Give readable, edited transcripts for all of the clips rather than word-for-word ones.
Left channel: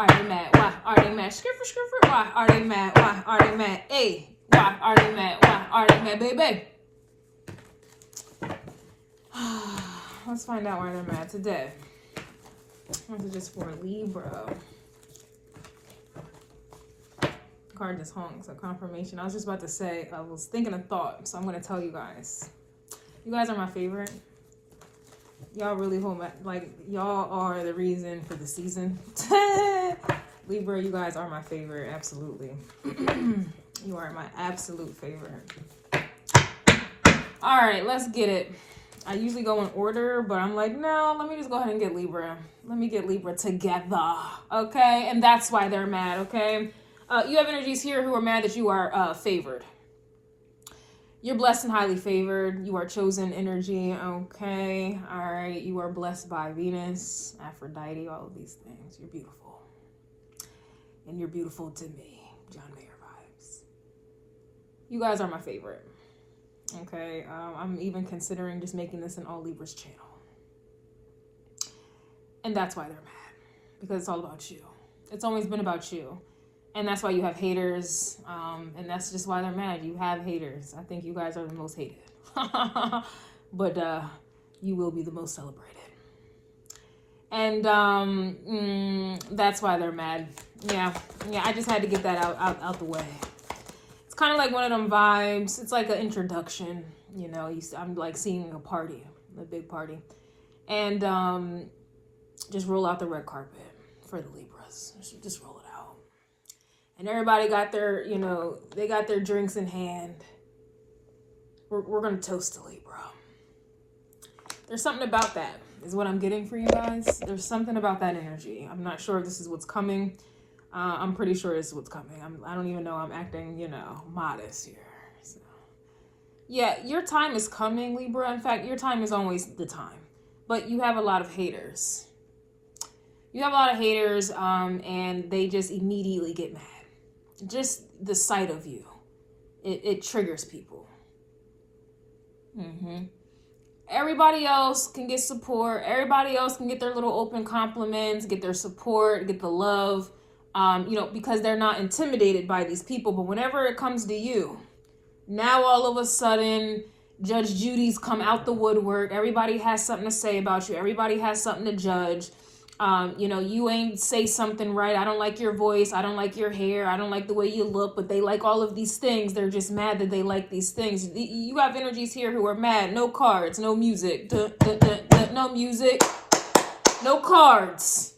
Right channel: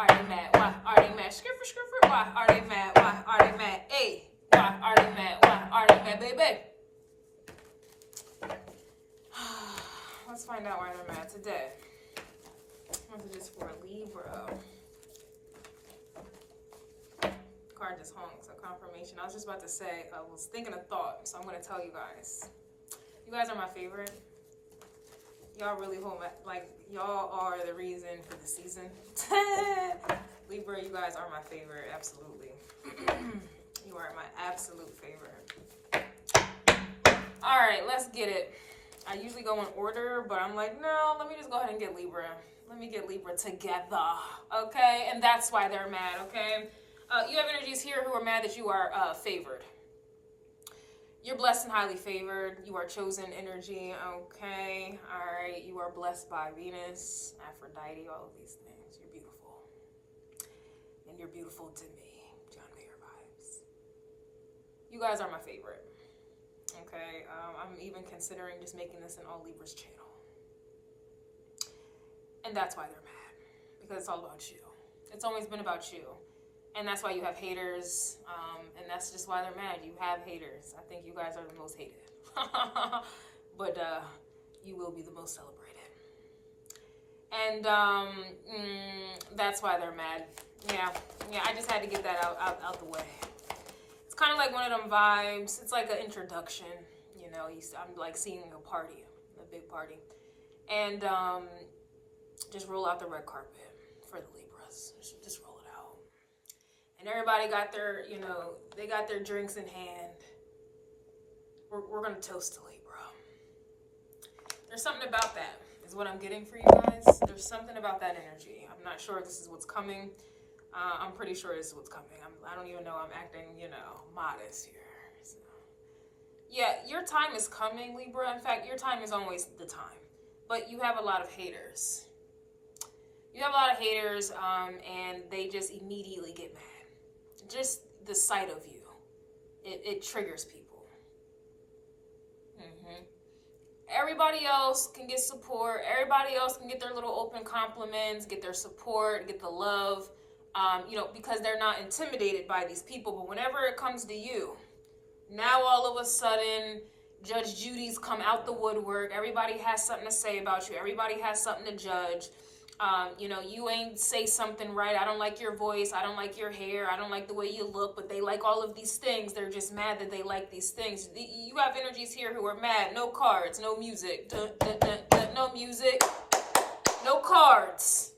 are they mad? Why are they mad? Skiffer, skiffer, why are they mad? Why are they mad? Hey, why are they mad? Why are they mad, baby? Let's find out why they're mad today. This is just for Libra. Card just hung, so confirmation. I was just about to say, I was thinking a thought, so I'm going to tell you guys. You guys are my favorite. Y'all really hold my, like, y'all are the reason for the season. Libra, you guys are my favorite, absolutely. You are my absolute favorite. All right, let's get it. I usually go in order, but I'm like, no, let me just go ahead and get Libra. Let me get Libra together, okay? And that's why they're mad, okay? You have energies here who are mad that you are favored. You're blessed and highly favored. You are chosen energy, okay? All right, you are blessed by Venus, Aphrodite, all of these things. You're beautiful. And you're beautiful to me. John Mayer vibes. You guys are my favorite. Okay, I'm even considering just making this an all Libras channel. And that's why they're mad. Because it's all about you. It's always been about you. And that's why you have haters. And that's just why they're mad. You have haters. I think you guys are the most hated. But you will be the most celebrated. And that's why they're mad. Yeah, I just had to get that out the way. Kind of like one of them vibes. It's like an introduction, you know. I'm like seeing a party, a big party, and just roll out the red carpet for the Libras. Just roll it out, and everybody got their, you know, they got their drinks in hand. We're gonna toast to Libra. There's something about that, is what I'm getting for you guys. There's something about that energy. I'm not sure if this is what's coming. I'm pretty sure this is what's coming. I don't even know. I'm acting, you know, modest here. So, yeah, your time is coming, Libra. In fact, your time is always the time. But you have a lot of haters. You have a lot of haters, and they just immediately get mad. Just the sight of you, it triggers people. Everybody else can get support. Everybody else can get their little open compliments, get their support, get the love. You know, because they're not intimidated by these people. But whenever it comes to you, now all of a sudden, Judge Judy's come out the woodwork. Everybody has something to say about you. Everybody has something to judge. You know, you ain't say something right. I don't like your voice. I don't like your hair. I don't like the way you look. But they like all of these things. They're just mad that they like these things. You have energies here who are mad. No cards. No music. No music. No cards.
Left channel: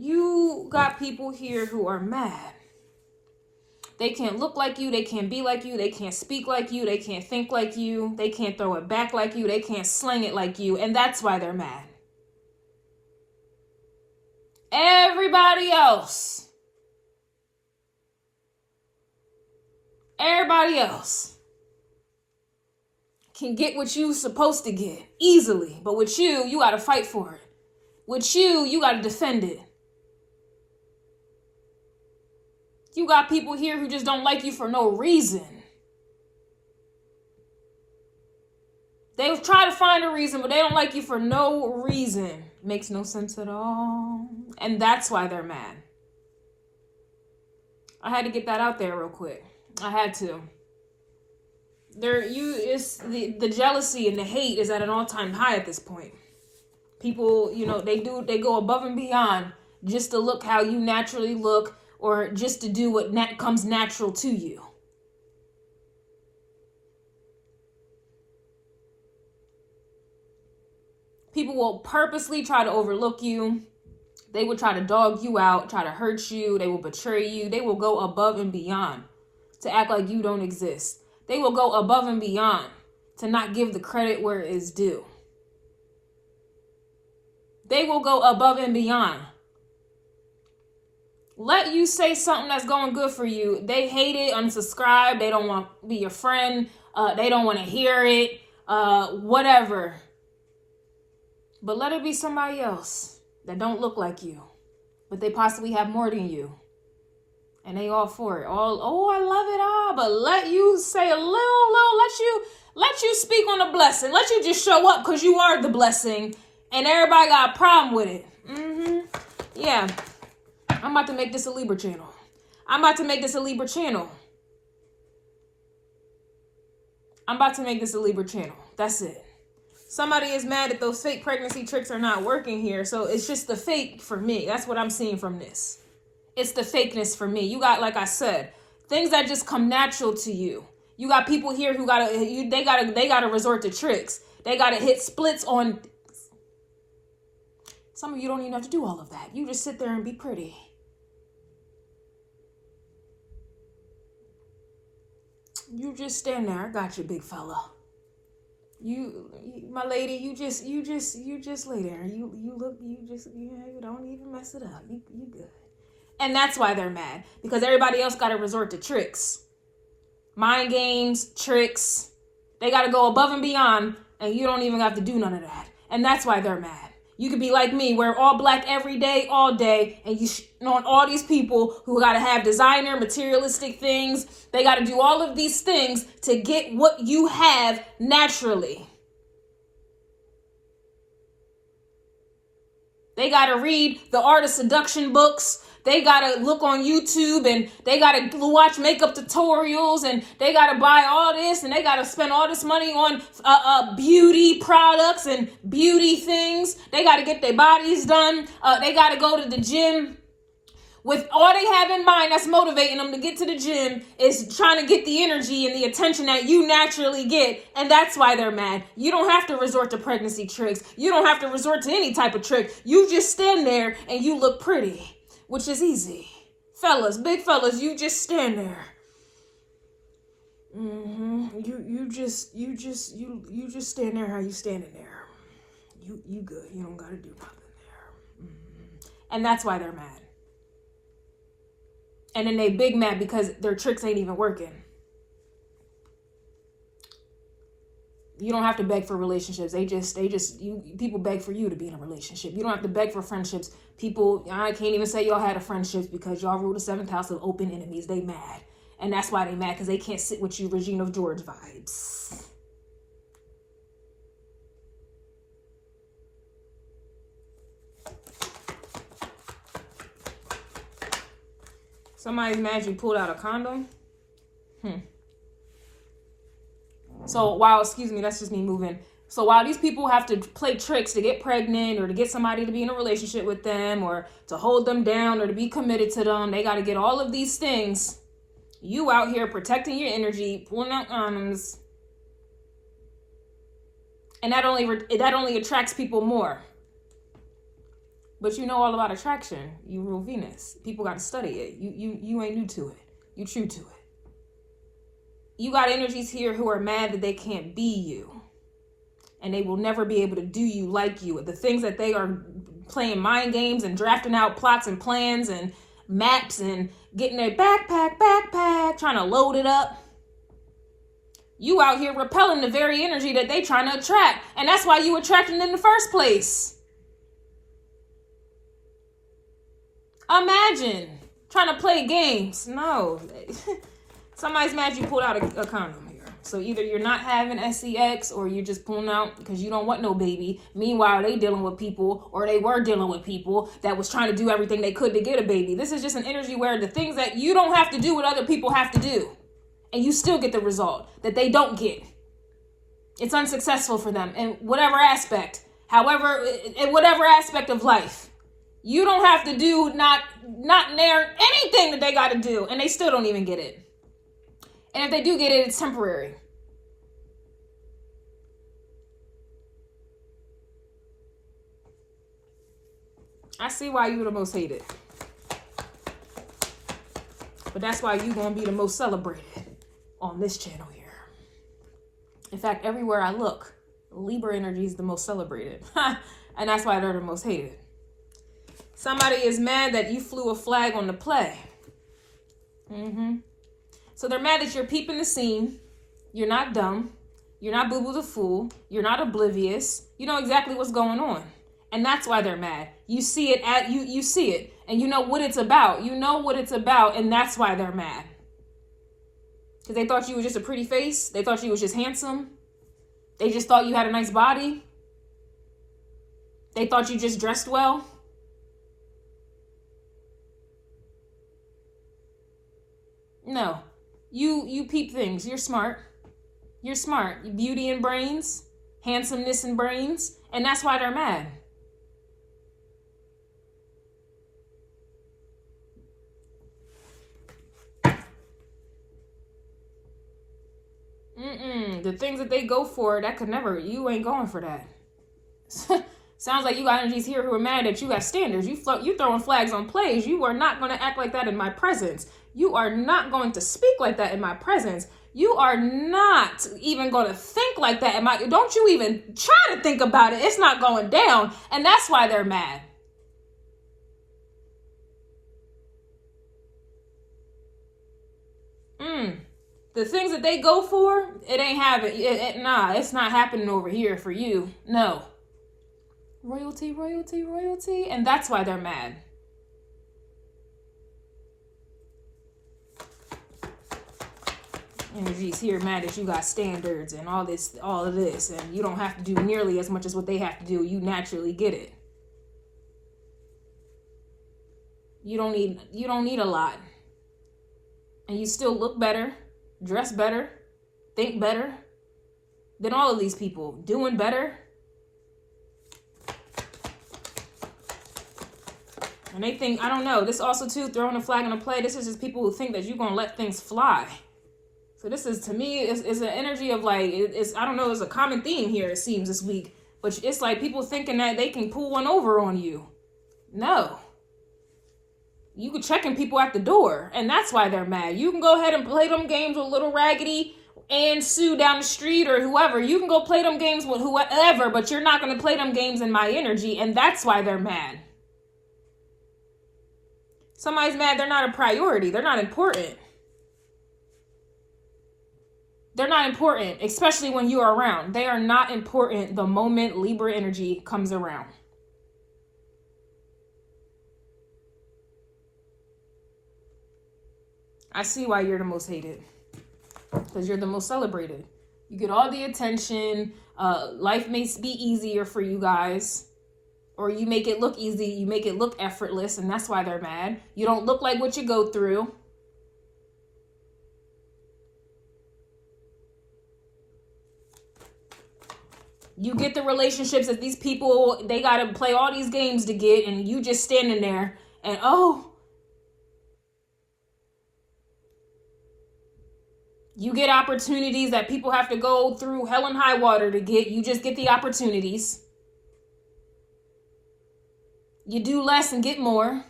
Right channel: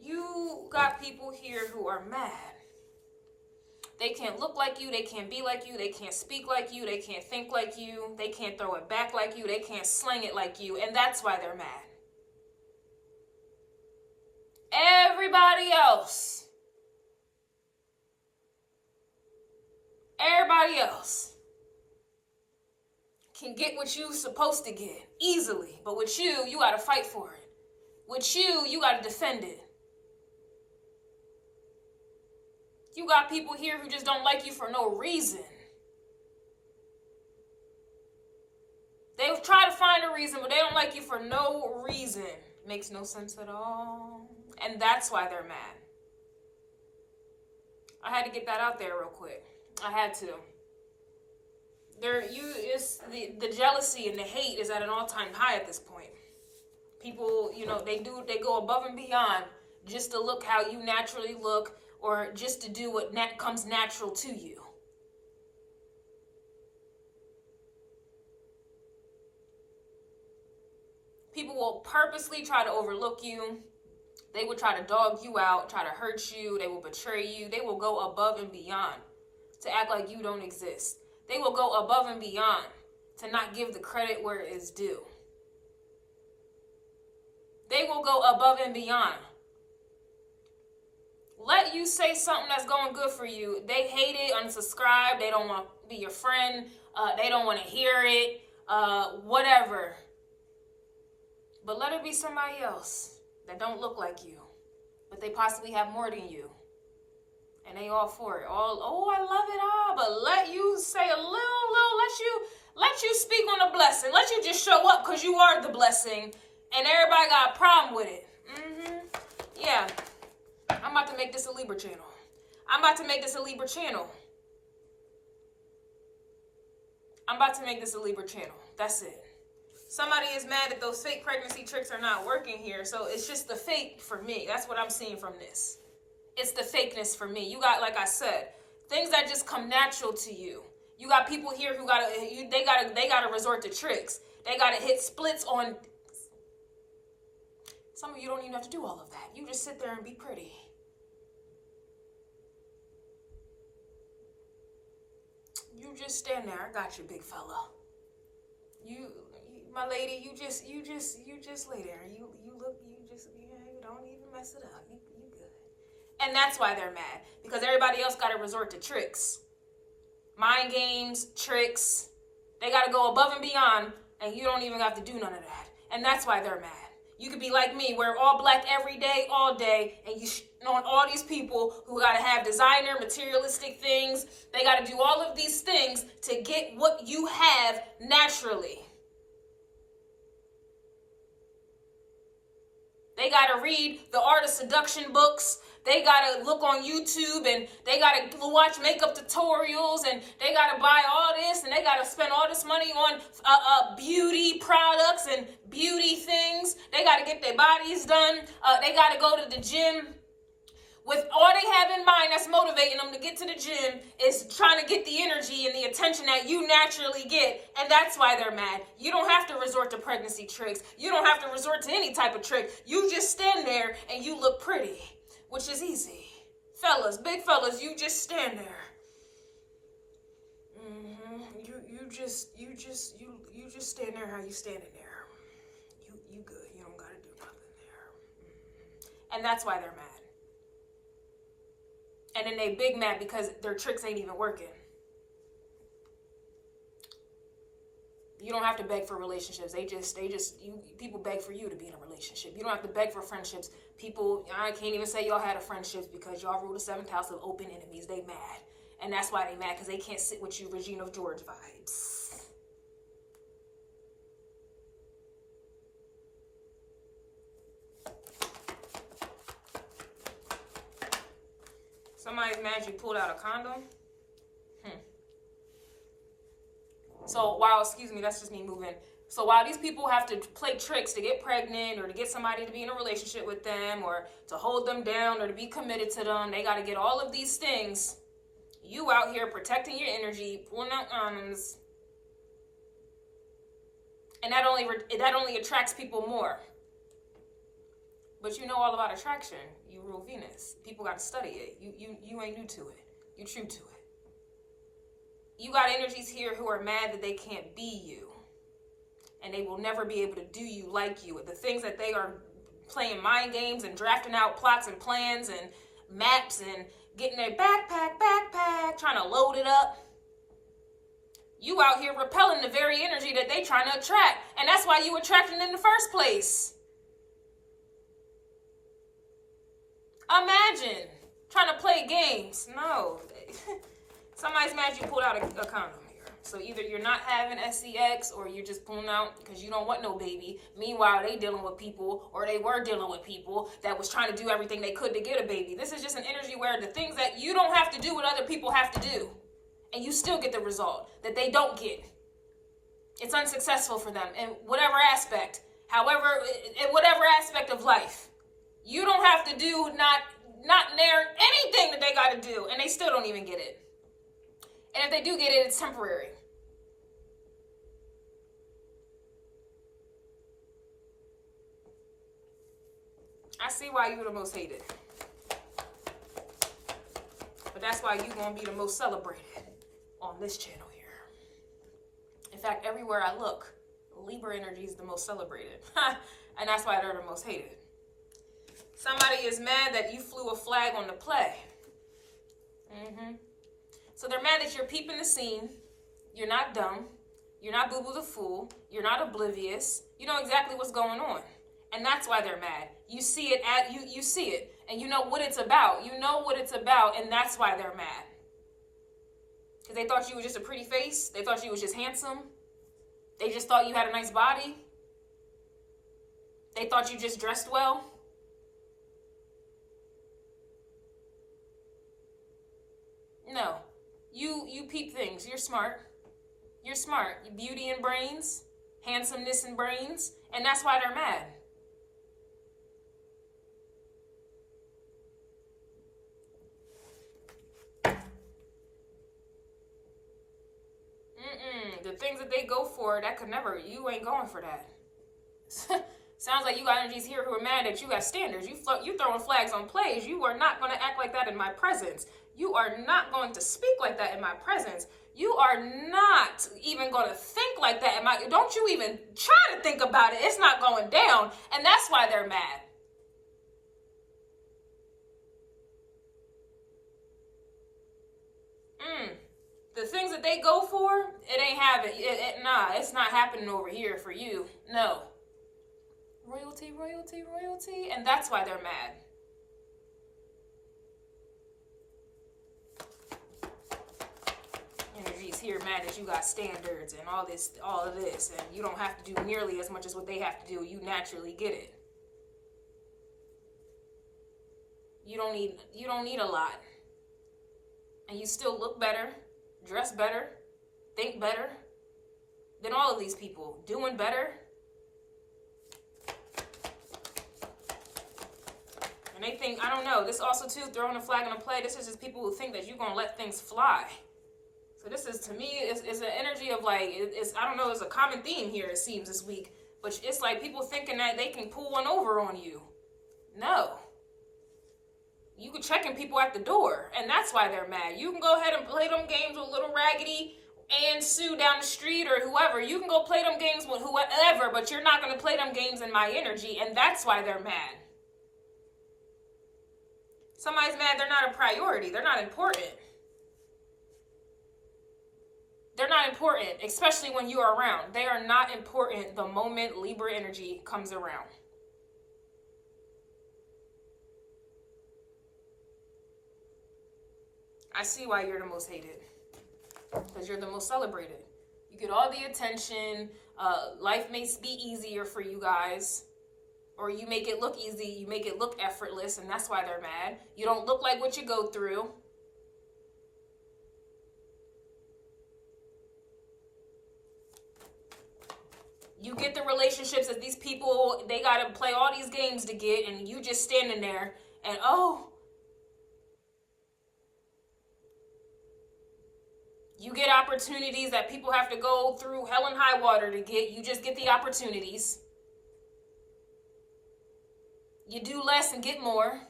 You got people here who are mad. They can't look like you. They can't be like you. They can't speak like you. They can't think like you. They can't throw it back like you. They can't slang it like you. And that's why they're mad. Everybody else can get what you're supposed to get easily. But with you, you got to fight for it. With you, you got to defend it. You got people here who just don't like you for no reason. They try to find a reason, but they don't like you for no reason. Makes no sense at all. And that's why they're mad. I had to get that out there real quick. I had to. The jealousy and the hate is at an all-time high at this point. People, you know, they go above and beyond just to look how you naturally look, or just to do what comes natural to you. People will purposely try to overlook you. They will try to dog you out, try to hurt you. They will betray you. They will go above and beyond to act like you don't exist. They will go above and beyond to not give the credit where it is due. They will go above and beyond. Let you say something that's going good for you. They hate it, unsubscribe. They don't want to be your friend. They don't want to hear it. Whatever. But let it be somebody else that don't look like you, but they possibly have more than you. And they all for it. Oh, I love it. But let you say a little, let you speak on the blessing. Let you just show up because you are the blessing. And everybody got a problem with it. Yeah. I'm about to make this a Libra channel. I'm about to make this a Libra channel. I'm about to make this a Libra channel. That's it. Somebody is mad that those fake pregnancy tricks are not working here. So it's just the fake for me. That's what I'm seeing from this. It's the fakeness for me. You got, like I said, things that just come natural to you. You got people here who they gotta resort to tricks. They gotta hit splits on. Some of you don't even have to do all of that. You just sit there and be pretty. You just stand there. I got you, big fella. You my lady, you just lay there. You don't even mess it up. You good. And that's why they're mad, because everybody else got to resort to tricks, mind games, tricks. They got to go above and beyond, and you don't even have to do none of that. And that's why they're mad. You could be like me, wear all black every day, all day, and you on all these people who got to have designer, materialistic things. They got to do all of these things to get what you have naturally. They got to read the art of seduction books. They got to look on YouTube, and they got to watch makeup tutorials, and they got to buy all this, and they got to spend all this money on beauty products and beauty things. They got to get their bodies done. They got to go to the gym. With all they have in mind that's motivating them to get to the gym is trying to get the energy and the attention that you naturally get. And that's why they're mad. You don't have to resort to pregnancy tricks. You don't have to resort to any type of trick. You just stand there and you look pretty, which is easy. Fellas, big fellas, you just stand there. You just stand there how you standing there. You good. You don't gotta do nothing there. And that's why they're mad. And then they big mad because their tricks ain't even working. You don't have to beg for relationships. People beg for you to be in a relationship. You don't have to beg for friendships. People, I can't even say y'all had a friendship because y'all rule the 7th house of open enemies. They mad. And that's why they mad, because they can't sit with you Regina George vibes. Somebody's mad you pulled out a condom. So while, excuse me, that's just me moving. So while these people have to play tricks to get pregnant or to get somebody to be in a relationship with them or to hold them down or to be committed to them, they got to get all of these things. You out here protecting your energy, pulling out condoms. And that only attracts people more. But you know all about attraction. You rule Venus. People got to study it. You ain't new to it. You true to it. You got energies here who are mad that they can't be you. And they will never be able to do you like you. The things that they are playing mind games and drafting out plots and plans and maps and getting their backpack, trying to load it up. You out here repelling the very energy that they trying to attract. And that's why you attracting in the first place. Imagine trying to play games. No. Somebody's mad you pulled out a condom here. So either you're not having sex or you're just pulling out because you don't want no baby. Meanwhile, they dealing with people, or they were dealing with people that was trying to do everything they could to get a baby. This is just an energy where the things that you don't have to do what other people have to do. And you still get the result that they don't get. It's unsuccessful for them in whatever aspect. However, in whatever aspect of life. You don't have to do not near anything that they got to do. And they still don't even get it. And if they do get it, it's temporary. I see why you're the most hated. But that's why you're going to be the most celebrated on this channel here. In fact, everywhere I look, Libra energy is the most celebrated. And that's why they're the most hated. Somebody is mad that you flew a flag on the play. So they're mad that you're peeping the scene. You're not dumb. You're not Boo Boo the Fool. You're not oblivious. You know exactly what's going on. And that's why they're mad. You see it you see it. And you know what it's about. You know what it's about. And that's why they're mad. Because they thought you were just a pretty face. They thought you was just handsome. They just thought you had a nice body. They thought you just dressed well. No. You peep things. You're smart. You're smart. Beauty and brains. Handsomeness and brains. And that's why they're mad. The things that they go for, that could never, you ain't going for that. Sounds like you got energies here who are mad that you got standards. You throwing flags on plays. You are not going to act like that in my presence. You are not going to speak like that in my presence. You are not even going to think like that in my, don't you even try to think about it. It's not going down. And that's why they're mad. The things that they go for, it ain't happening. Nah, it's not happening over here for you. No. Royalty, royalty, royalty. And that's why they're mad. Energies here mad that you got standards and all of this. And you don't have to do nearly as much as what they have to do. You naturally get it. You don't need a lot. And you still look better, dress better, think better than all of these people. Doing better. And they think, I don't know, this also too, throwing a flag on a play, this is just people who think that you're going to let things fly. So this is, to me, is an energy of like, I don't know, it's a common theme here, it seems, this week. But it's like people thinking that they can pull one over on you. No. You can checking people at the door, and that's why they're mad. You can go ahead and play them games with Little Raggedy and Sue down the street or whoever. You can go play them games with whoever, but you're not going to play them games in my energy, and that's why they're mad. Somebody's mad they're not a priority. They're not important. They're not important, especially when you are around. They are not important the moment Libra energy comes around. I see why you're the most hated. Because you're the most celebrated. You get all the attention. Life may be easier for you guys. Or you make it look easy. You make it look effortless. And that's why they're mad. You don't look like what you go through. You get the relationships that these people, they got to play all these games to get. And you just standing there. And oh. You get opportunities that people have to go through hell and high water to get. You just get the opportunities. You do less and get more.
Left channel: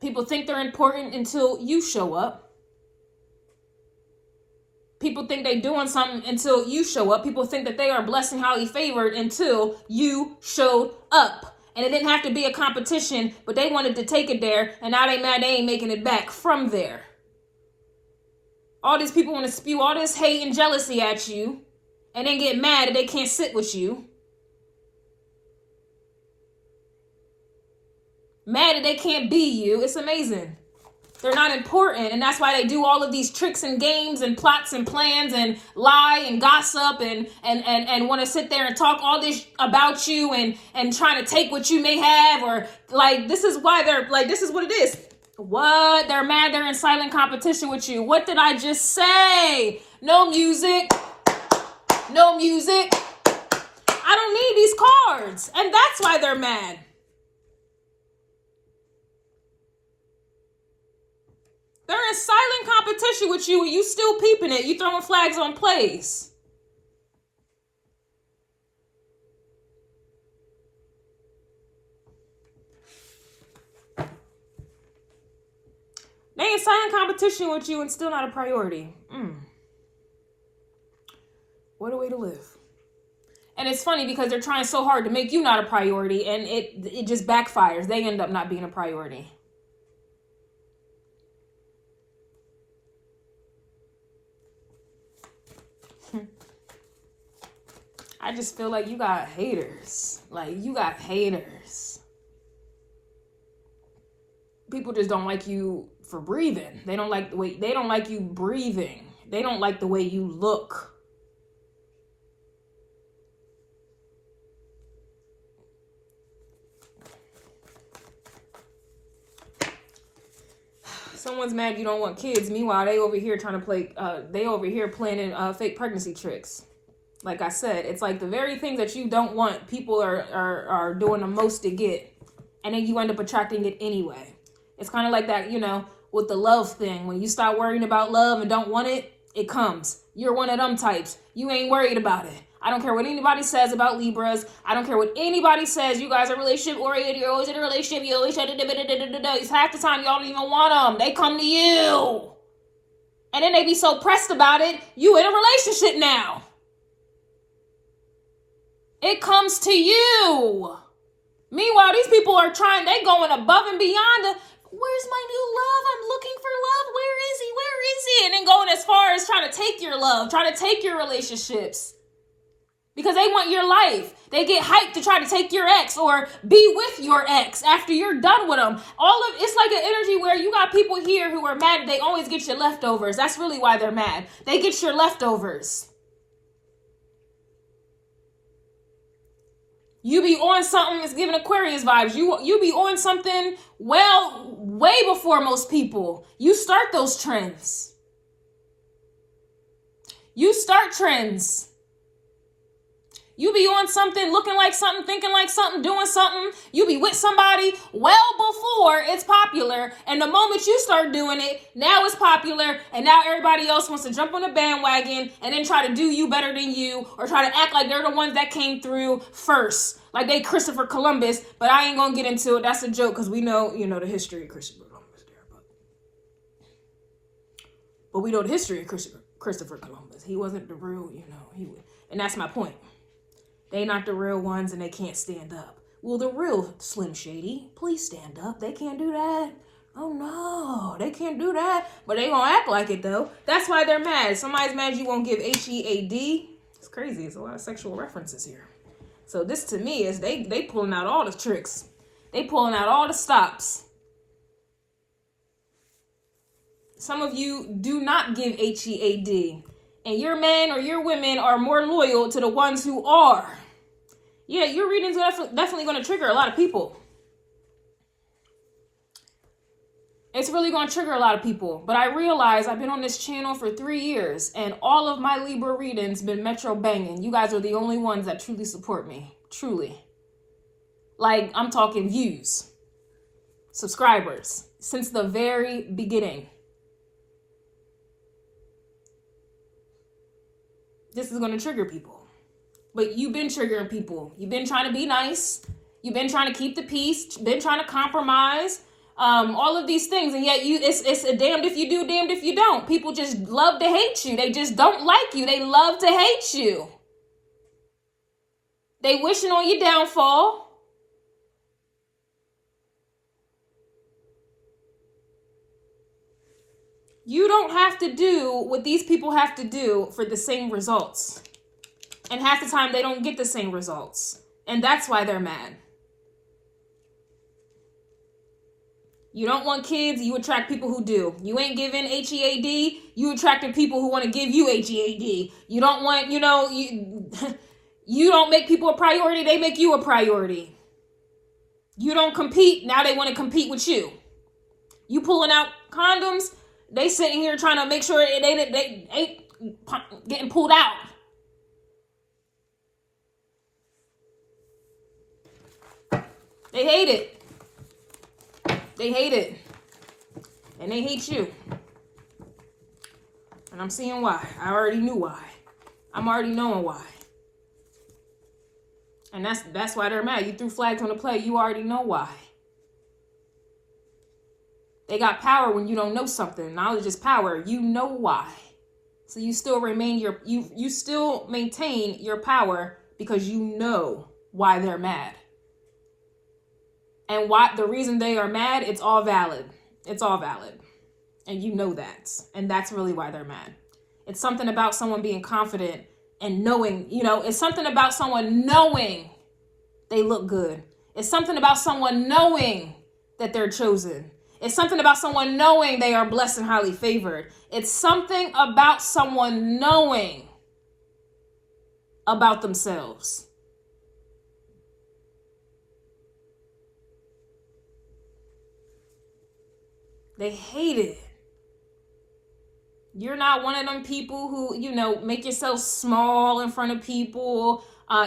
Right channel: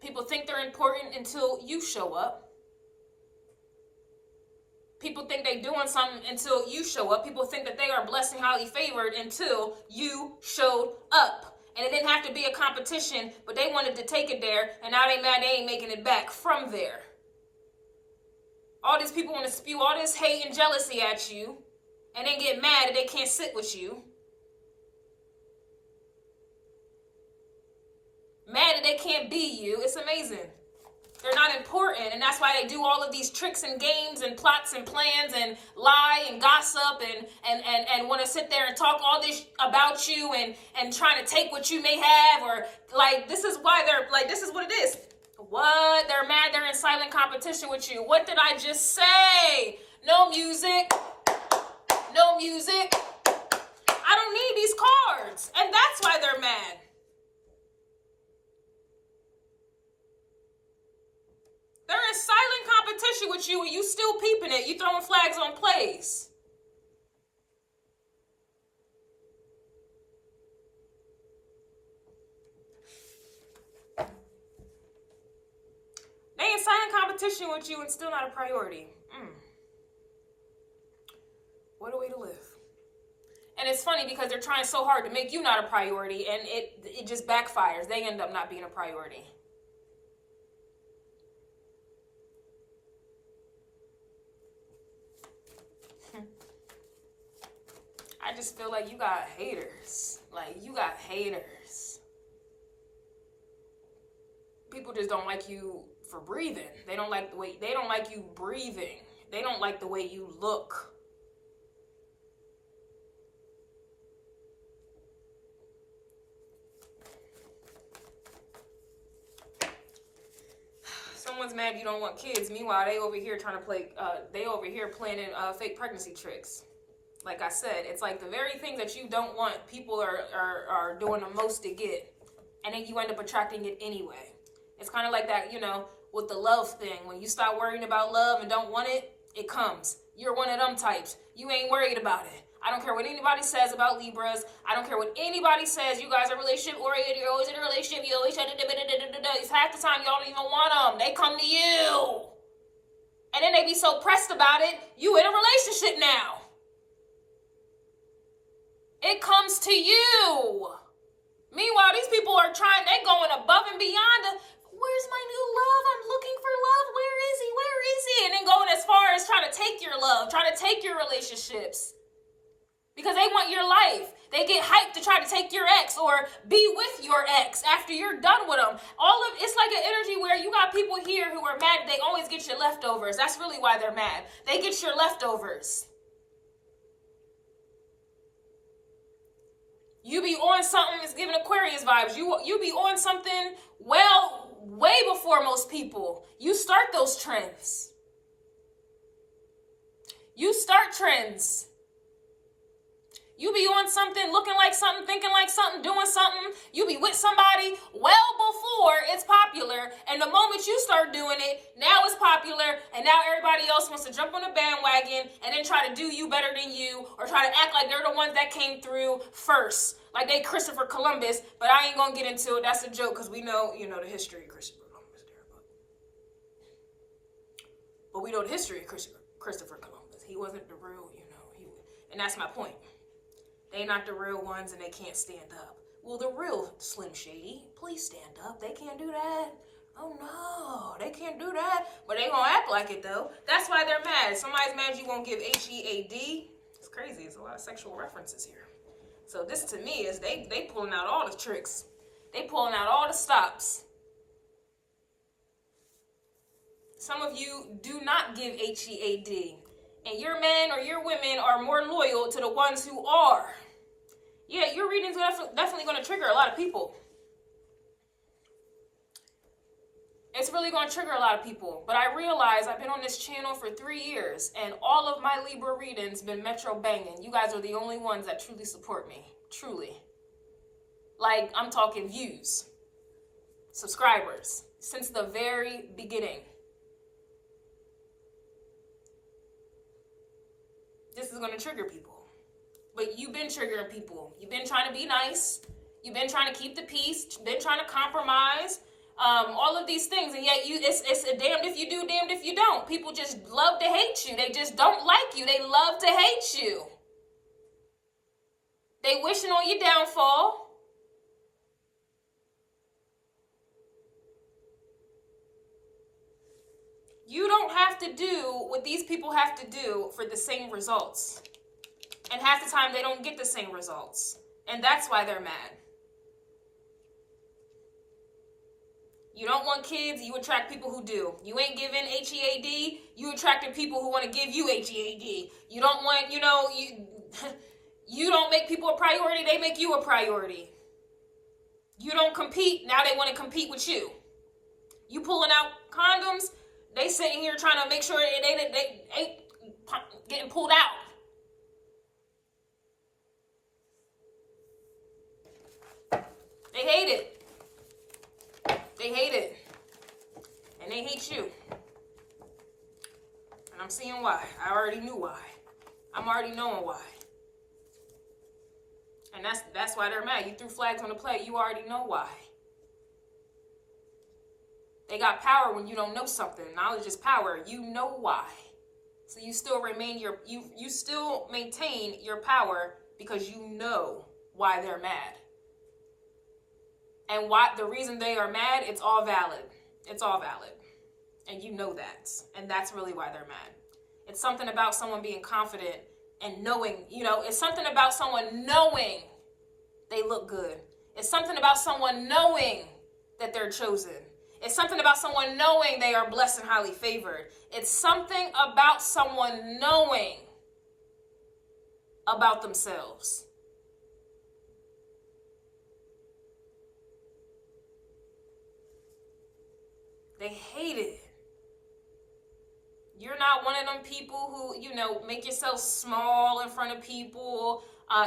People think they're important until you show up. People think they're doing something until you show up. People think that they are blessed and highly favored until you showed up. And it didn't have to be a competition, but they wanted to take it there, and now they mad they ain't making it back from there. All these people want to spew all this hate and jealousy at you, and then get mad that they can't sit with you. Mad that they can't be you. It's amazing. They're not important, and that's why they do all of these tricks and games and plots and plans and lie and gossip and want to sit there and talk all this about you and trying to take what you may have, or like, this is why they're like, this is what it is. What? They're mad they're in silent competition with you. What did I just say? No music. No music. I don't need these cards, and that's why they're mad. They're in silent competition with you and you still peeping it. You throwing flags on plays. They in silent competition with you and still not a priority. What a way to live. And it's funny because they're trying so hard to make you not a priority, and it just backfires. They end up not being a priority. I just feel like you got haters. Like, you got haters. People just don't like you for breathing. They don't like the way, they don't like you breathing. They don't like the way you look. Someone's mad you don't want kids. Meanwhile, they over here trying to play, they over here planning fake pregnancy tricks. Like I said, it's like the very things that you don't want, people are doing the most to get. And then you end up attracting it anyway. It's kind of like that, you know, with the love thing. When you start worrying about love and don't want it, it comes. You're one of them types. You ain't worried about it. I don't care what anybody says about Libras. I don't care what anybody says. You guys are relationship oriented. You're always in a relationship. You always it's half the time y'all don't even want them. They come to you. And then they be so pressed about it. You in a relationship now. It comes to you. Meanwhile, these people are trying, they going above and beyond. Where's my new love? I'm looking for love. Where is he? Where is he? And then going as far as trying to take your love, trying to take your relationships. Because they want your life. They get hyped to try to take your ex or be with your ex after you're done with them. It's like an energy where you got people here who are mad. They always get your leftovers. That's really why they're mad. They get your leftovers. You be on something, it's giving Aquarius vibes. You be on something way before most people. You start those trends. You start trends. You be on something, looking like something, thinking like something, doing something. You be with somebody well before it's popular. And the moment you start doing it, now it's popular. And now everybody else wants to jump on the bandwagon and then try to do you better than you. Or try to act like they're the ones that came through first. Like they Christopher Columbus. But I ain't going to get into it. That's a joke because we know, you know, the history of Christopher Columbus. But we know the history of Christopher Columbus. He wasn't the real, you know. And that's my point. They not the real ones and they can't stand up. Well, the real Slim Shady, please stand up. They can't do that. Oh no, they can't do that. But they gonna act like it though. That's why they're mad. Somebody's mad you won't give HEAD. It's crazy. It's a lot of sexual references here. So this to me is they pulling out all the tricks. They pulling out all the stops. Some of you do not give HEAD. And your men or your women are more loyal to the ones who are. Yeah, your readings are definitely going to trigger a lot of people. It's really going to trigger a lot of people. But I realize I've been on this channel for 3 years. And all of my Libra readings been metro banging. You guys are the only ones that truly support me. Truly. Like, I'm talking views. Subscribers. Since the very beginning. This is going to trigger people. But you've been triggering people. You've been trying to be nice. You've been trying to keep the peace. Been trying to compromise. All of these things. And yet it's a damned if you do, damned if you don't. People just love to hate you. They just don't like you. They love to hate you. They wishing on your downfall. You don't have to do what these people have to do for the same results. And half the time they don't get the same results. And that's why they're mad. You don't want kids, you attract people who do. You ain't giving HEAD, you attracting people who want to give you HEAD. You don't want, you know, you don't make people a priority, they make you a priority. You don't compete, now they want to compete with you. You pulling out condoms, they sitting here trying to make sure they ain't getting pulled out. They hate it. They hate it. And they hate you. And I'm seeing why. I already knew why. I'm already knowing why. And that's why they're mad. You threw flags on the play. You already know why. They got power when you don't know something. Knowledge is power. You know why. So you still remain you still maintain your power because you know why they're mad. And why the reason they are mad, it's all valid. It's all valid. And you know that. And that's really why they're mad. It's something about someone being confident and knowing, you know, it's something about someone knowing they look good. It's something about someone knowing that they're chosen. It's something about someone knowing they are blessed and highly favored. It's something about someone knowing about themselves. They hate it. You're not one of them people who, you know, make yourself small in front of people.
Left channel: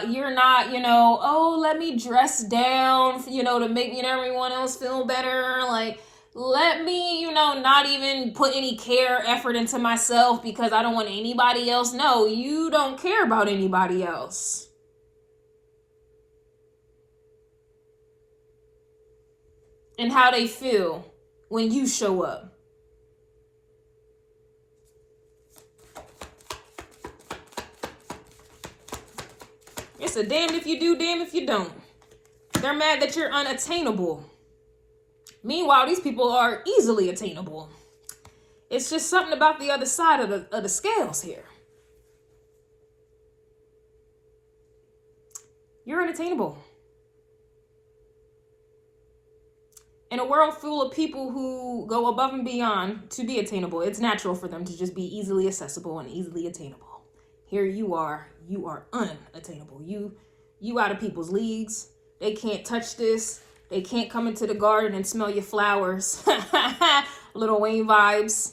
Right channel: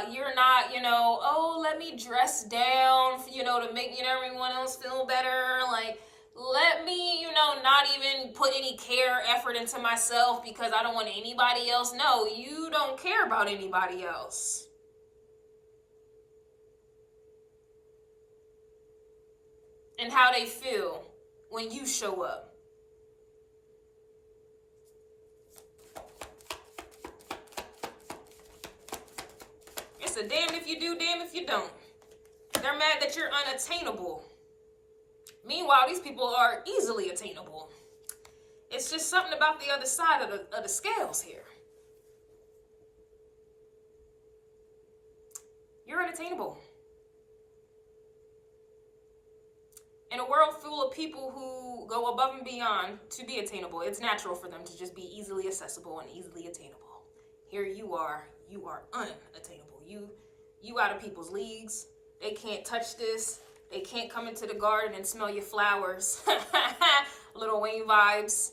You're not, you know, oh, let me dress down, you know, to make, you know, everyone else feel better. Like, let me, you know, not even put any care, effort into myself because I don't want anybody else. No, you don't care about anybody else. And how they feel when you show up. It's a damned if you do, damned if you don't. They're mad that you're unattainable. Meanwhile, these people are easily attainable. It's just something about the other side of the scales here. You're unattainable. In a world full of people who go above and beyond to be attainable, it's natural for them to just be easily accessible and easily attainable. Here you are unattainable. You out of people's leagues. They can't touch this. They can't come into the garden and smell your flowers. Little Wayne vibes.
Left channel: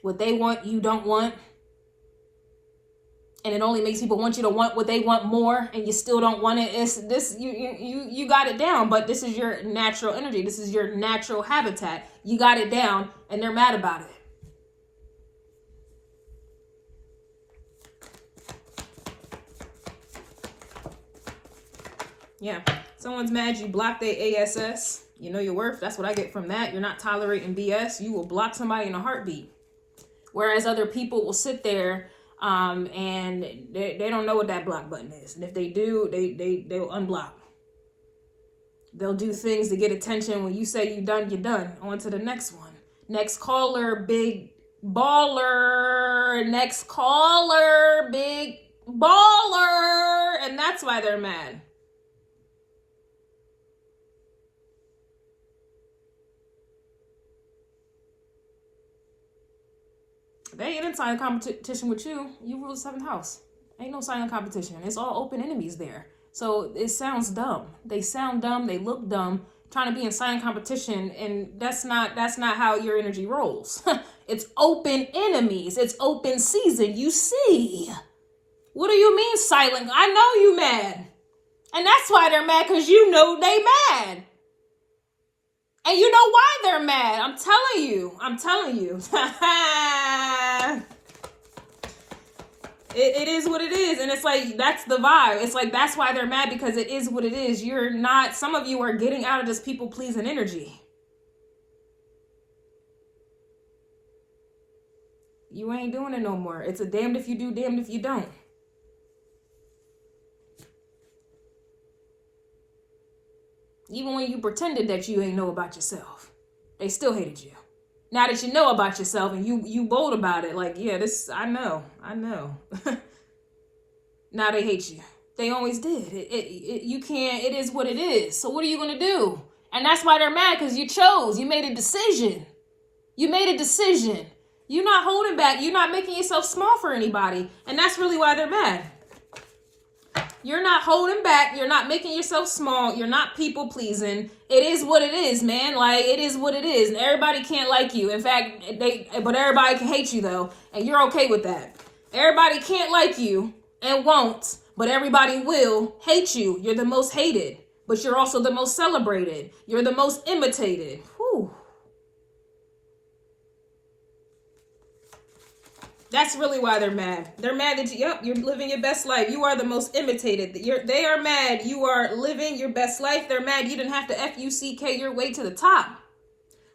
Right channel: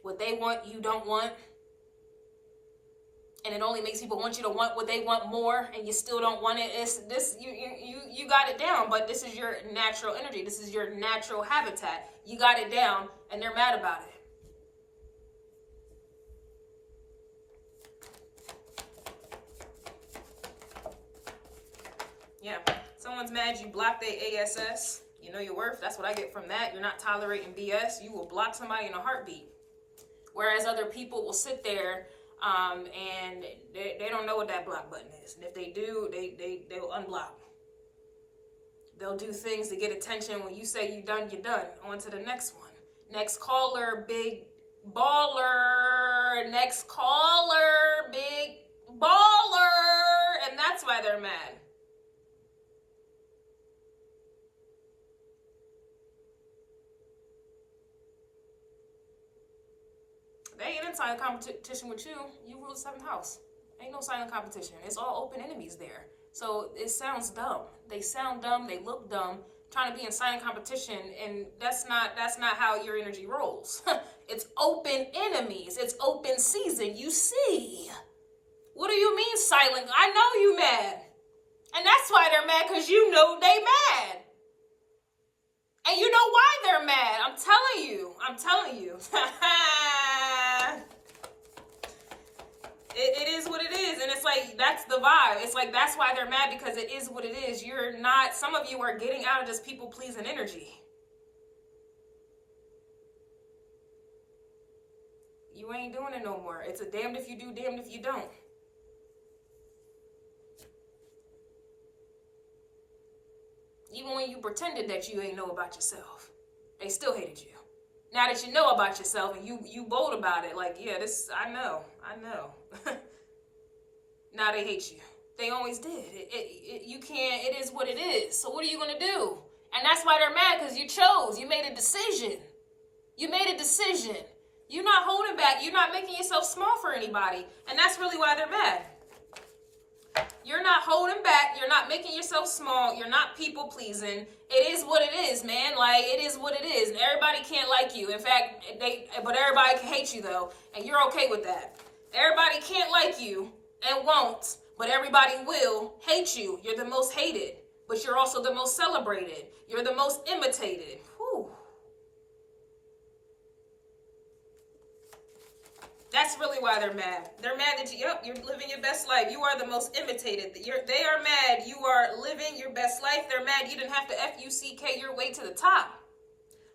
What they want, you don't want. And it only makes people want you to want what they want more, and you still don't want it. It's this, you got it down, but this is your natural energy. This is your natural habitat. You got it down, and they're mad about it. Yeah, someone's mad you blocked their ASS. You know your worth. That's what I get from that. You're not tolerating BS. You will block somebody in a heartbeat. Whereas other people will sit there and they don't know what that block button is. And if they do, they'll unblock. They'll do things to get attention. When you say you're done, you're done. On to the next one. Next caller, big baller. Next caller, big baller. And that's why they're mad. They ain't in silent competition with you. You rule the 7th house. Ain't no silent competition. It's all open enemies there. So it sounds dumb. They sound dumb. They look dumb. Trying to be in silent competition, and that's not how your energy rolls. It's open enemies. It's open season. You see. What do you mean silent? I know you mad. And that's why they're mad, because you know they mad. And you know why they're mad. I'm telling you. I'm telling you. It is what it is. And it's like, that's the vibe. It's like, that's why they're mad, because it is what it is. You're not, some of you are getting out of this people-pleasing energy. You ain't doing it no more. It's a damned if you do, damned if you don't. Even when you pretended that you ain't know about yourself, they still hated you. Now that you know about yourself and you bold about it, like, yeah, this, I know. Now they hate you. They always did. You can't, it is what it is. So what are you going to do? And that's why they're mad, because you chose. You made a decision. You made a decision. You're not holding back. You're not making yourself small for anybody. And that's really why they're mad. You're not holding back. You're not making yourself small. You're not people pleasing. It is what it is, man. Like, it is what it is. And everybody can't like you. In fact, but everybody can hate you, though. And you're okay with that. Everybody can't like you and won't, but everybody will hate you. You're the most hated, but you're also the most celebrated. You're the most imitated. Whew. That's really why they're mad. They're mad that you're living your best life. You are the most imitated. They are mad you are living your best life. They're mad you didn't have to FUCK your way to the top,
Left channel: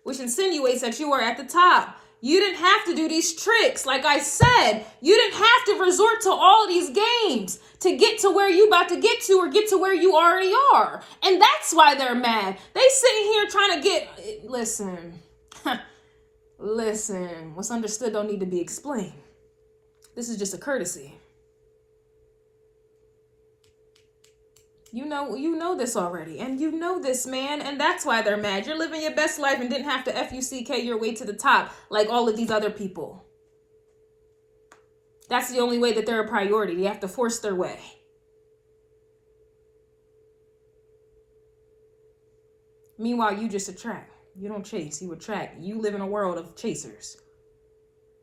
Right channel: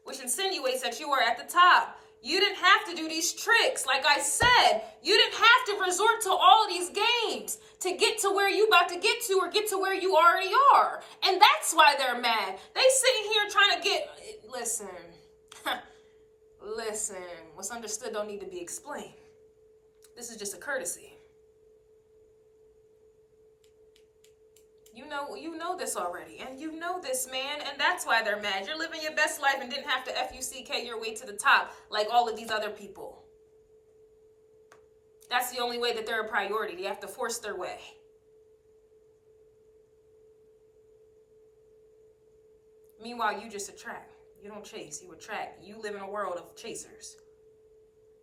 which insinuates that you are at the top. You didn't have to do these tricks. Like I said, you didn't have to resort to all these games to get to where you about to get to, or get to where you already are. And that's why they're mad. They sitting here trying to get, listen, what's understood don't need to be explained. This is just a courtesy. You know this already, and you know this, man, and that's why they're mad. You're living your best life and didn't have to FUCK your way to the top like all of these other people. That's the only way that they're a priority. They have to force their way. Meanwhile, you just attract. You don't chase, you attract. You live in a world of chasers.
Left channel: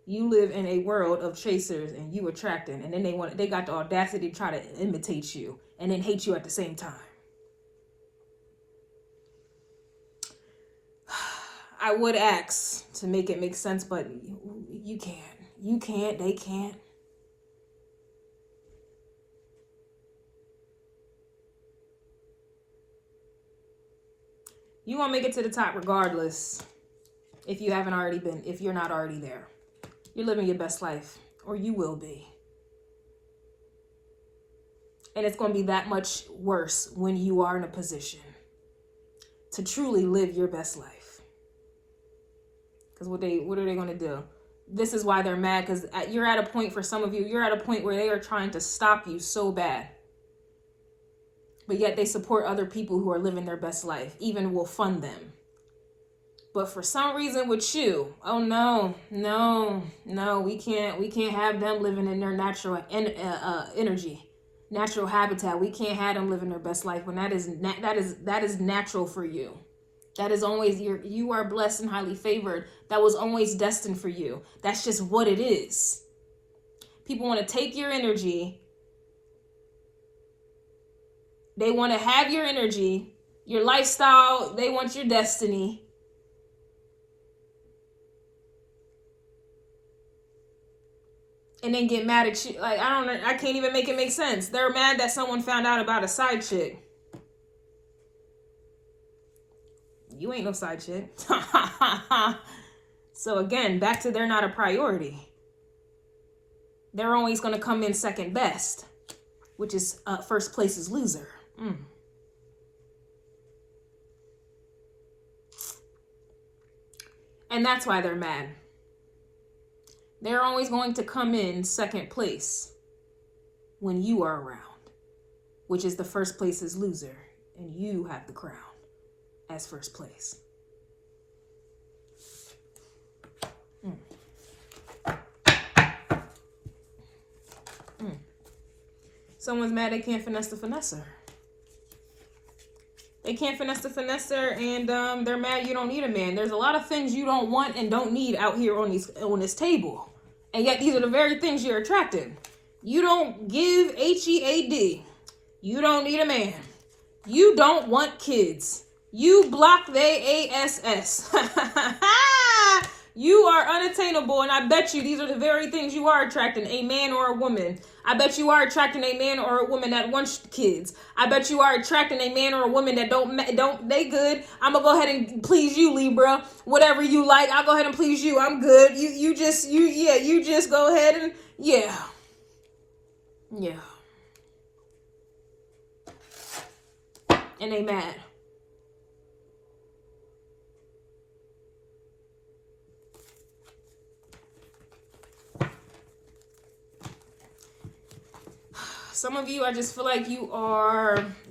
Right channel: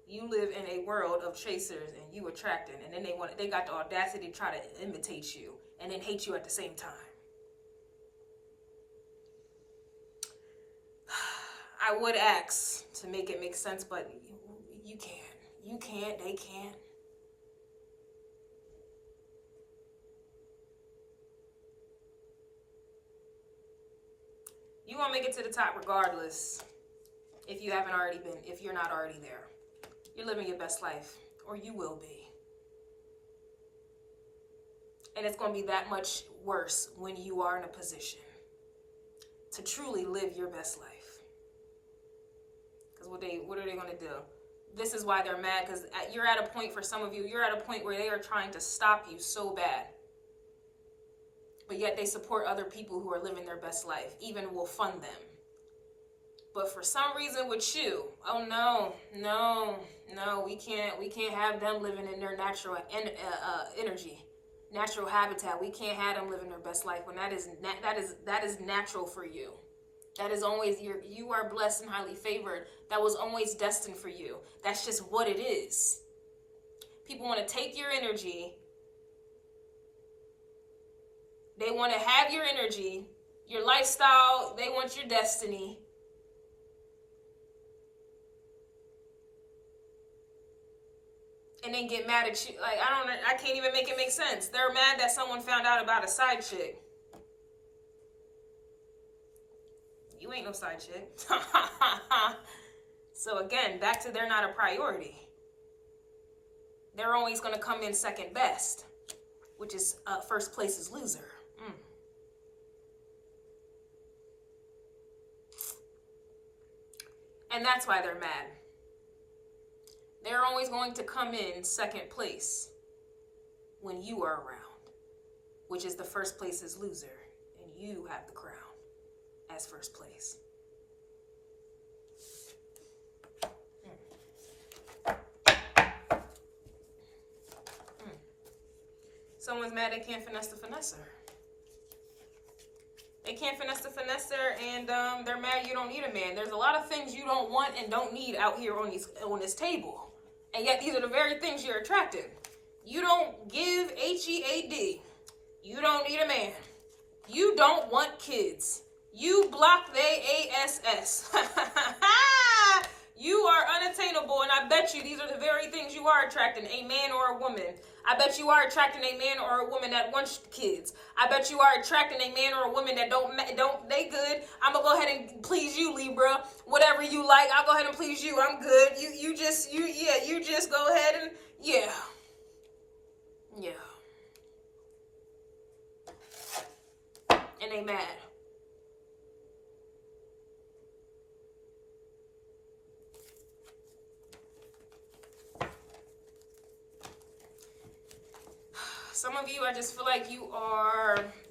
You live in a world of chasers and you attracting. And then they got the audacity to try to imitate you and then hate you at the same time. I would ask to make it make sense, but you can't. You can't, they can't. You won't make it to the top regardless if you haven't already been, if you're not already there. You're living your best life, or you will be. And it's going to be that much worse when you are in a position to truly live your best life. Because what are they going to do? This is why they're mad, because you're at a point, for some of you, you're at a point where they are trying to stop you so bad. But yet they support other people who are living their best life, even will fund them. But for some reason with you, oh no, we can't have them living in their natural energy, natural habitat. We can't have them living their best life when that is natural for you. That is always you are blessed and highly favored. That was always destined for you. That's just what it is. People want to take your energy. They want to have your energy, your lifestyle. They want your destiny. And then get mad at you. Like, I can't even make it make sense. They're mad that someone found out about a side chick. You ain't no side chick. So again, back to they're not a priority. They're always going to come in second best, which is first place is loser. And that's why they're mad. They're always going to come in second place when you are around, which is the first place is loser, and you have the crown as first place. Someone's mad they can't finesse the finesser. They can't finesse the finesser, and they're mad you don't need a man. There's a lot of things you don't want and don't need out here on this table. And yet these are the very things you're attracting. You don't give HEAD. You don't need a man. You don't want kids. You block they ASS. You are unattainable, and I bet you these are the very things you are attracting, a man or a woman. I bet you are attracting a man or a woman that wants kids. I bet you are attracting a man or a woman that they good. I'm gonna go ahead and please you, Libra. Whatever you like, I'll go ahead and please you. I'm good. You just go ahead and yeah. And they mad. Some of you, I just feel like you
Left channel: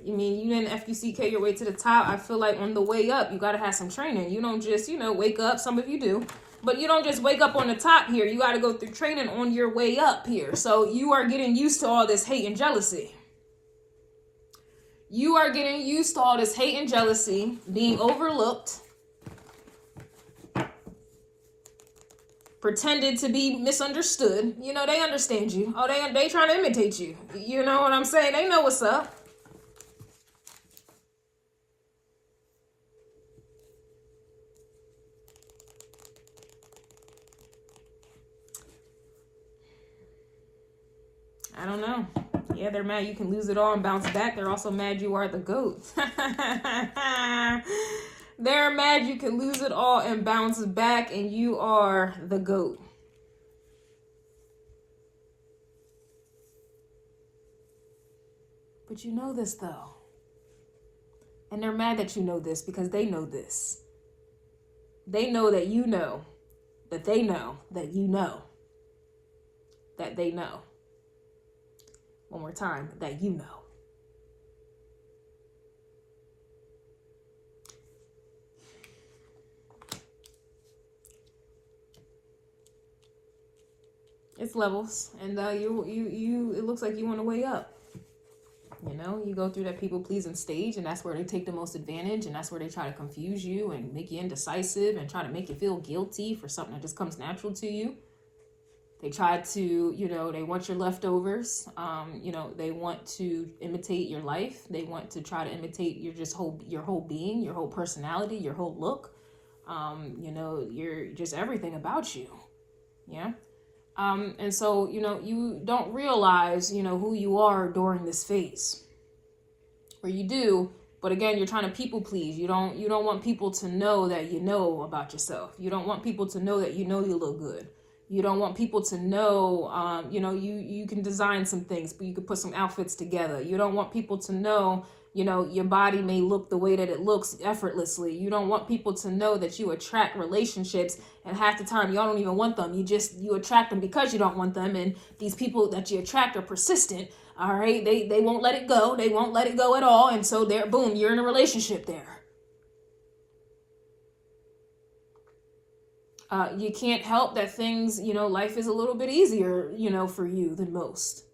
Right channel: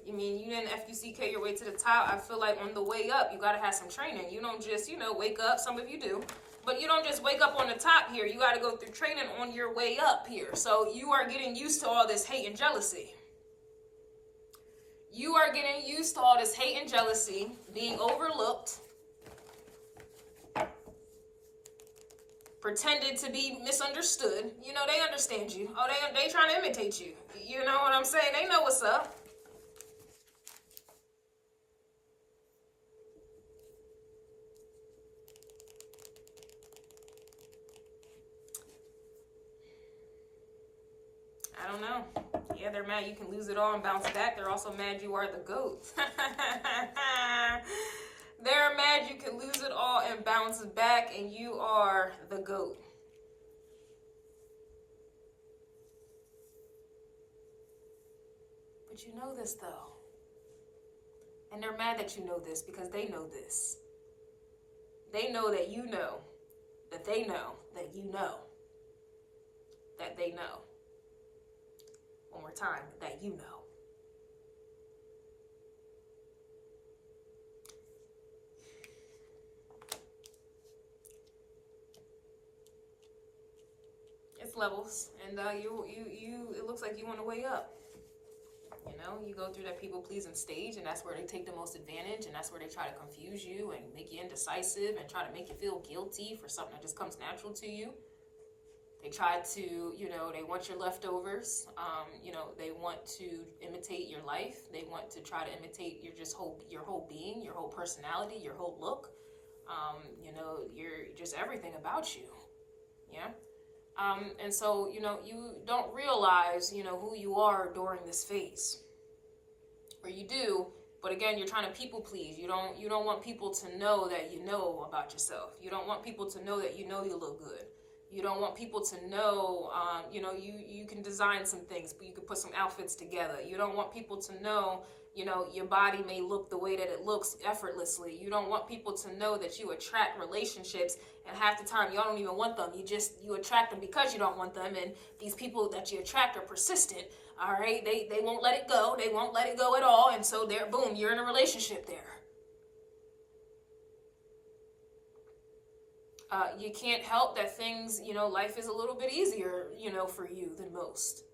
didn't FUCK your way to the top. I feel like on the way up, you got to have some training. You don't just, wake up. Some of you do. But you don't just wake up on the top here. You got to go through training on your way up here. So you are getting used to all this hate and jealousy. You are getting used to all this hate and jealousy, being overlooked, pretended to be misunderstood. They understand you. Oh, they trying to imitate you. You know what I'm saying? They know what's up. I don't know. Yeah, they're mad you can lose it all and bounce back. They're also mad you are the GOAT. They're mad you can lose it all and bounce back, and you are the GOAT. But you know this, though. And they're mad that you know this because they know this. They know that you know that they know that you know that they know. One more time, that you know. It's levels, and it looks like you want to weigh up. You know, you go through that people pleasing stage, and that's where they take the most advantage, and that's where they try to confuse you and make you indecisive and try to make you feel guilty for something that just comes natural to you. They try to, you know, they want your leftovers. You know, they want to imitate your life. They want to try to imitate your whole being, your whole personality, your whole look. You know, you're just everything about you. Yeah. And so, you know, you don't realize, you know, who you are during this phase. Or you do, but again, you're trying to people please. You don't want people to know that you know about yourself. You don't want people to know that you know you look good. You don't want people to know, you know, you can design some things, but you could put some outfits together. You don't want people to know, you know, your body may look the way that it looks effortlessly. You don't want people to know that you attract relationships, and half the time y'all don't even want them. You attract them because you don't want them, and these people that you attract are persistent. All right, they won't let it go. They won't let it go at all, and so there, boom, you're in a relationship there. You can't help that things, you know, life is a little bit easier, you know, for you than most.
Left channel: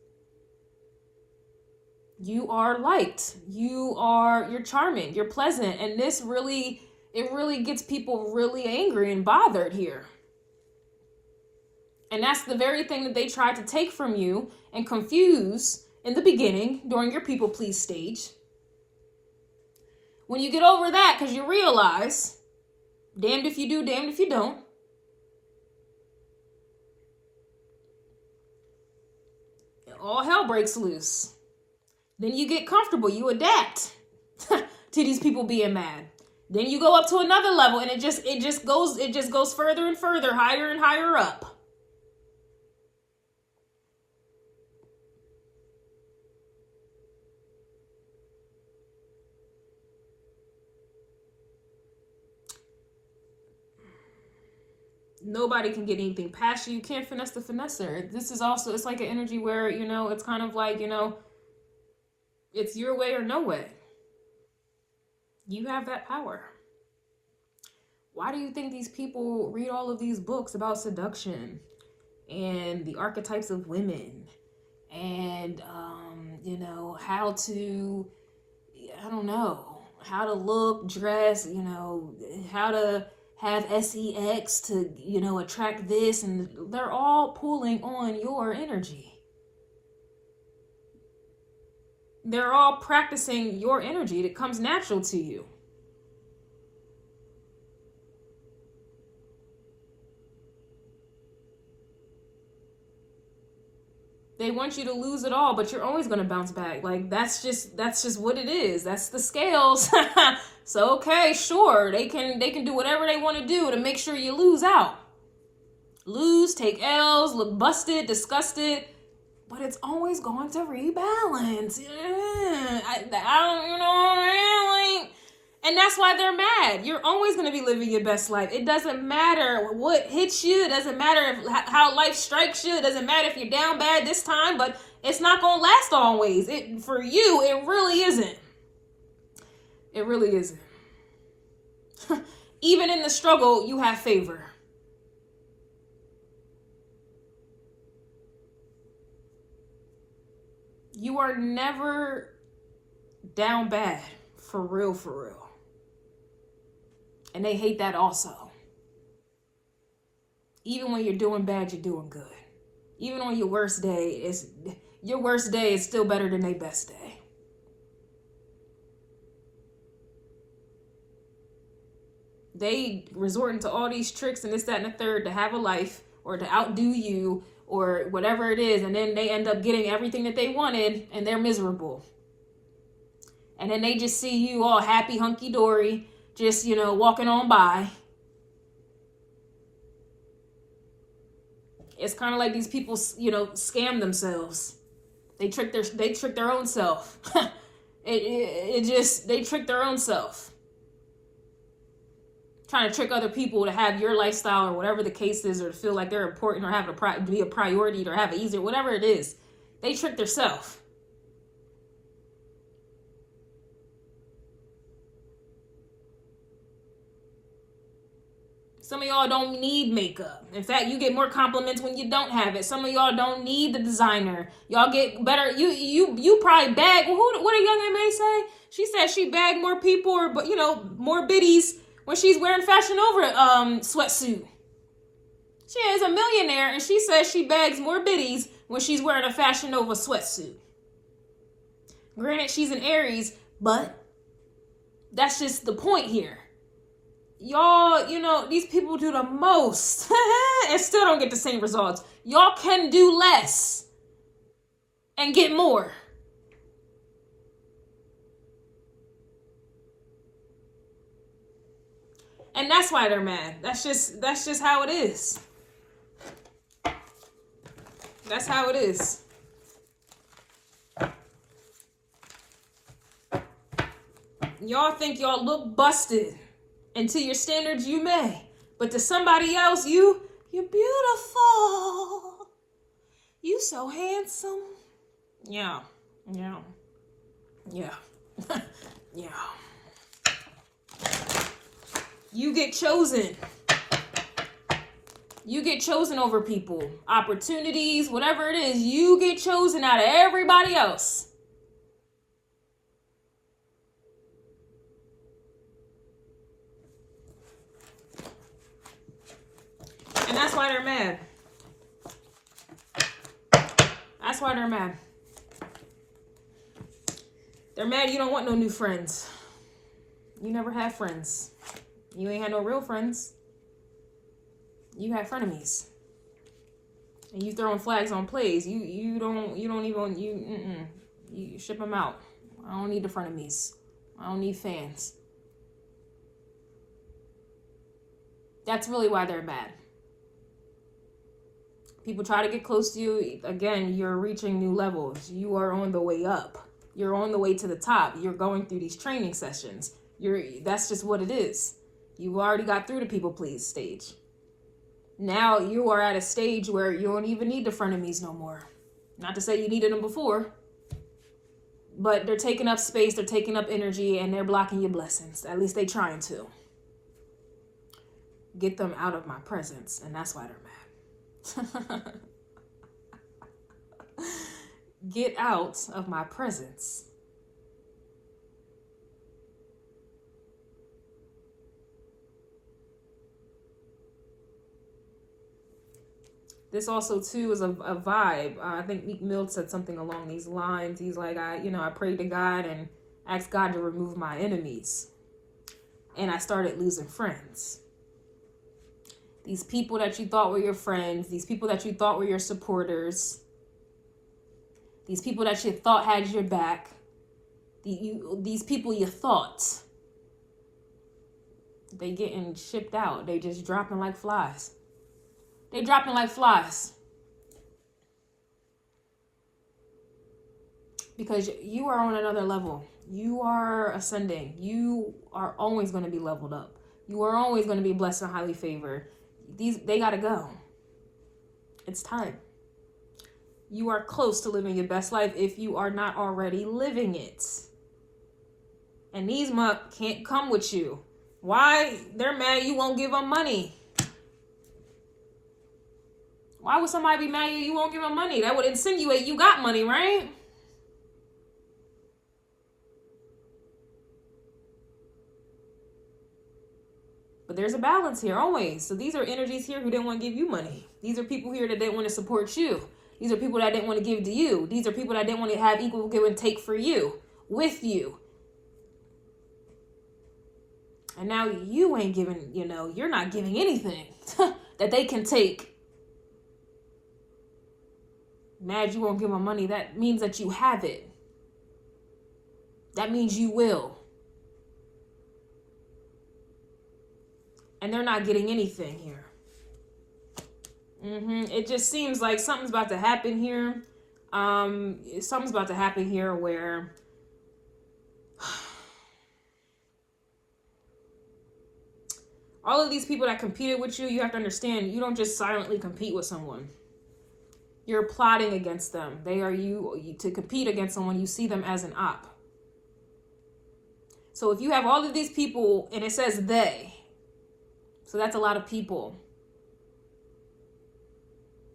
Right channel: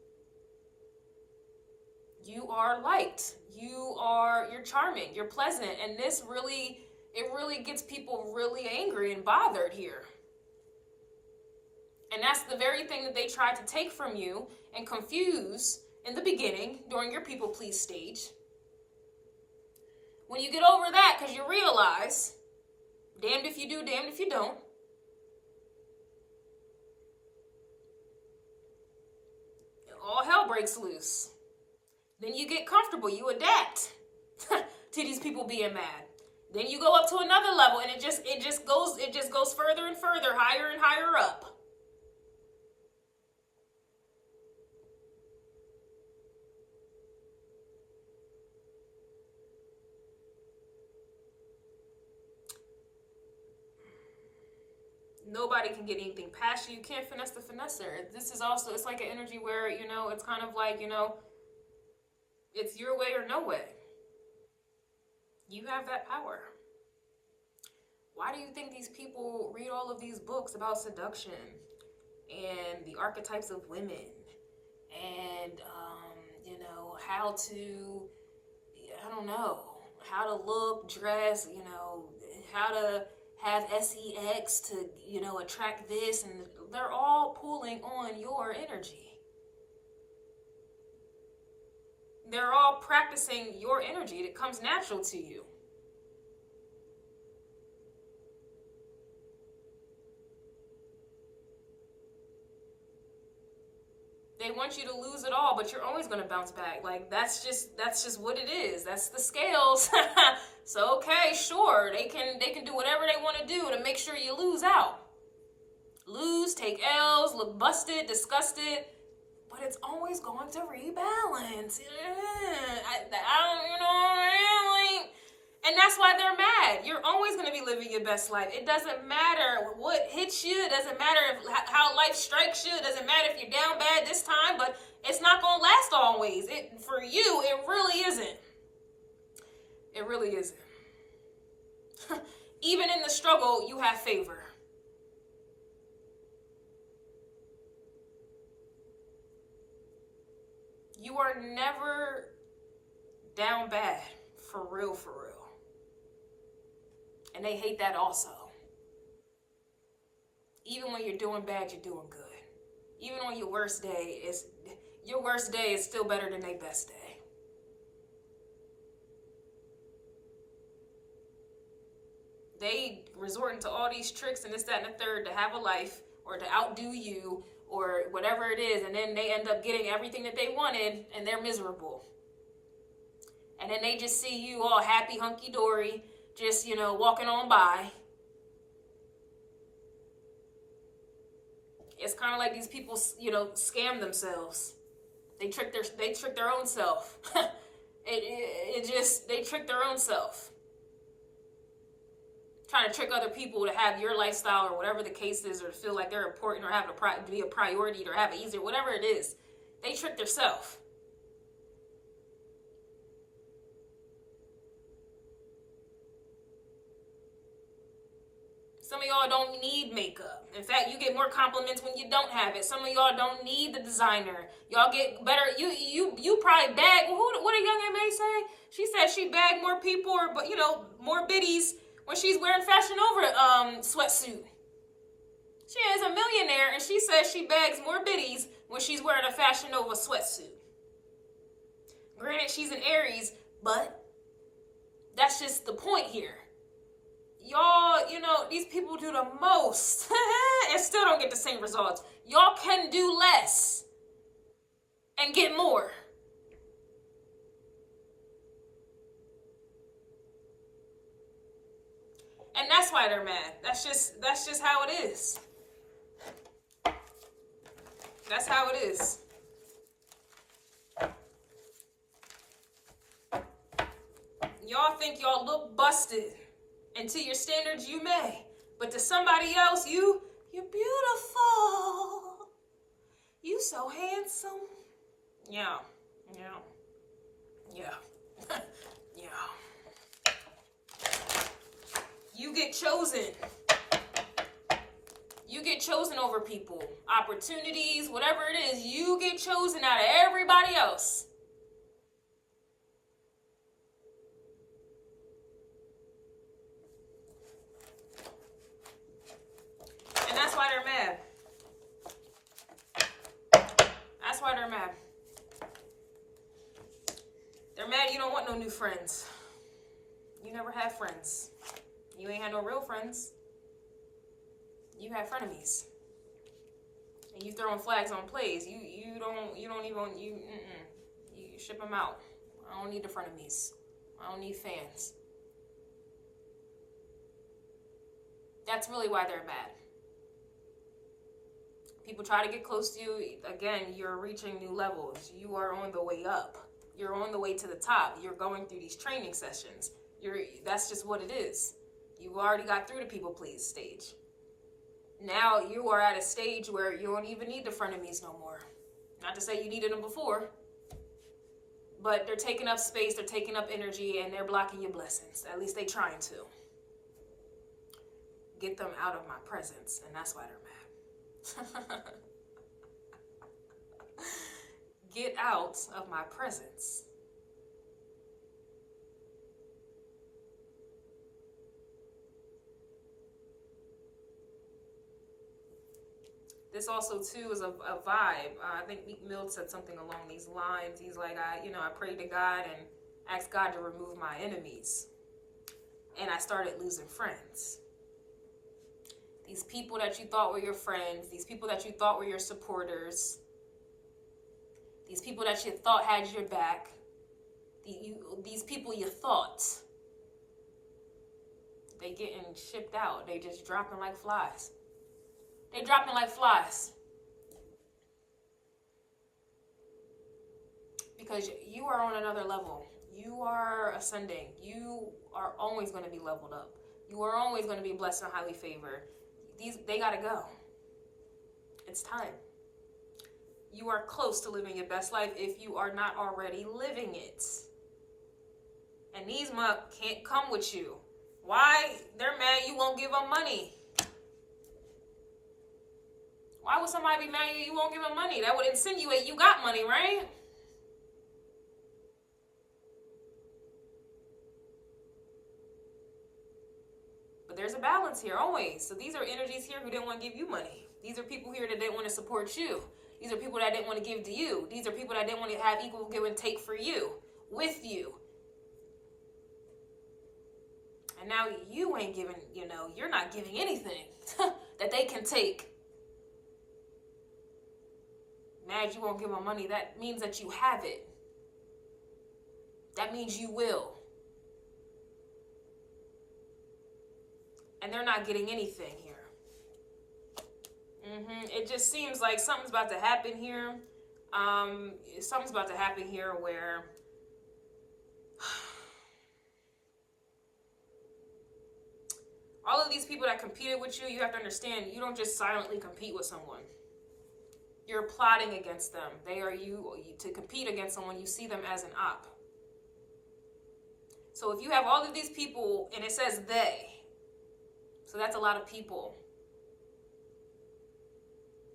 You are liked. You're charming. You're pleasant. And this really, it really gets people really angry and bothered here. And that's the very thing that they tried to take from you and confuse in the beginning during your people please stage. When you get over that, because you realize, damned if you do, damned if you don't. All hell breaks loose. Then you get comfortable. You adapt to these people being mad. Then you go up to another level, and it just goes further and further, higher and higher up. Nobody can get anything past you. You can't finesse the finesser. This is also, it's like an energy where, you know, it's kind of like, you know, it's your way or no way. You have that power. Why do you think these people read all of these books about seduction and the archetypes of women and, you know, how to, I don't know, how to look, dress, you know, how to have sex to, you know, attract this, and they're all pulling on your energy. They're all practicing your energy that comes natural to you. They want you to lose it all, but you're always going to bounce back. Like, that's just what it is. That's the scales. So, okay, sure. They can do whatever they want to do to make sure you lose out. Lose, take L's, look busted, disgusted. But it's always going to rebalance. Yeah. I don't, you know, like, and that's why they're mad. You're always going to be living your best life. It doesn't matter what hits you. It doesn't matter how life strikes you. It doesn't matter if you're down bad this time, but it's not going to last always. For you, it really isn't. It really isn't. Even in the struggle, you have favor. You are never down bad. For real, for real. And they hate that also. Even when you're doing bad, you're doing good. Even on your worst day, your worst day is still better than their best day. They resorting to all these tricks and this, that, and the third to have a life or to outdo you or whatever it is. And then they end up getting everything that they wanted and they're miserable. And then they just see you all happy, hunky-dory, just, you know, walking on by. It's kind of like these people, you know, scam themselves. They trick their own self. They trick their own self. Trying to trick other people to have your lifestyle or whatever the case is, or to feel like they're important or have to be a priority or have it easier, whatever it is. They trick themselves. Some of y'all don't need makeup. In fact, you get more compliments when you don't have it. Some of y'all don't need the designer. Y'all get better. You probably bag. What did Young M.A. say? She said she bagged more people, or more biddies when she's wearing Fashion Over sweatsuit. She is a millionaire, and she says she bags more biddies when she's wearing a Fashion Nova sweatsuit. Granted, she's an Aries, but that's just the point here. Y'all, these people do the most and still don't get the same results. Y'all can do less and get more. And that's why they're mad. That's just how it is. That's how it is. Y'all think y'all look busted. And to your standards, you may. But to somebody else, you're beautiful. You so handsome. Yeah. Yeah. Yeah. Yeah. You get chosen. You get chosen over people. Opportunities, whatever it is, you get chosen out of everybody else. And that's why they're mad. That's why they're mad. They're mad you don't want no new friends. You never had friends. You ain't had no real friends. You had frenemies. And you throwing flags on plays. You ship them out. I don't need the frenemies. I don't need fans. That's really why they're mad. People try to get close to you. Again, you're reaching new levels. You are on the way up. You're on the way to the top. You're going through these training sessions. That's just what it is. You've already got through the people please stage. Now you are at a stage where you don't even need the frenemies no more. Not to say you needed them before, but they're taking up space, they're taking up energy, and they're blocking your blessings. At least they're trying to. Get them out of my presence, and that's why they're mad. Get out of my presence. This also too is a vibe. I think Meek Mill said something along these lines. He's like, I prayed to God and asked God to remove my enemies, and I started losing friends. These people that you thought were your friends, these people that you thought were your supporters, these people that you thought had your back, these people you thought, they getting shipped out. They just dropping like flies. They dropping like flies. Because you are on another level. You are ascending. You are always going to be leveled up. You are always going to be blessed and highly favored. They got to go. It's time. You are close to living your best life if you are not already living it. And these muck can't come with you. Why? They're mad you won't give them money. Why would somebody be mad you won't give them money? That would insinuate you got money, right? But there's a balance here, always. So these are energies here who didn't want to give you money. These are people here that didn't want to support you. These are people that didn't want to give to you. These are people that didn't want to have equal give and take for you, with you. And now you ain't giving, you're not giving anything that they can take. Mad you won't give them money. That means that you have it. That means you will. And they're not getting anything here. It just seems like something's about to happen here. Something's about to happen here where all of these people that competed with you, you have to understand, you don't just silently compete with someone. You're plotting against them. They are you to compete against someone. You see them as an op. So if you have all of these people and it says they, So that's a lot of people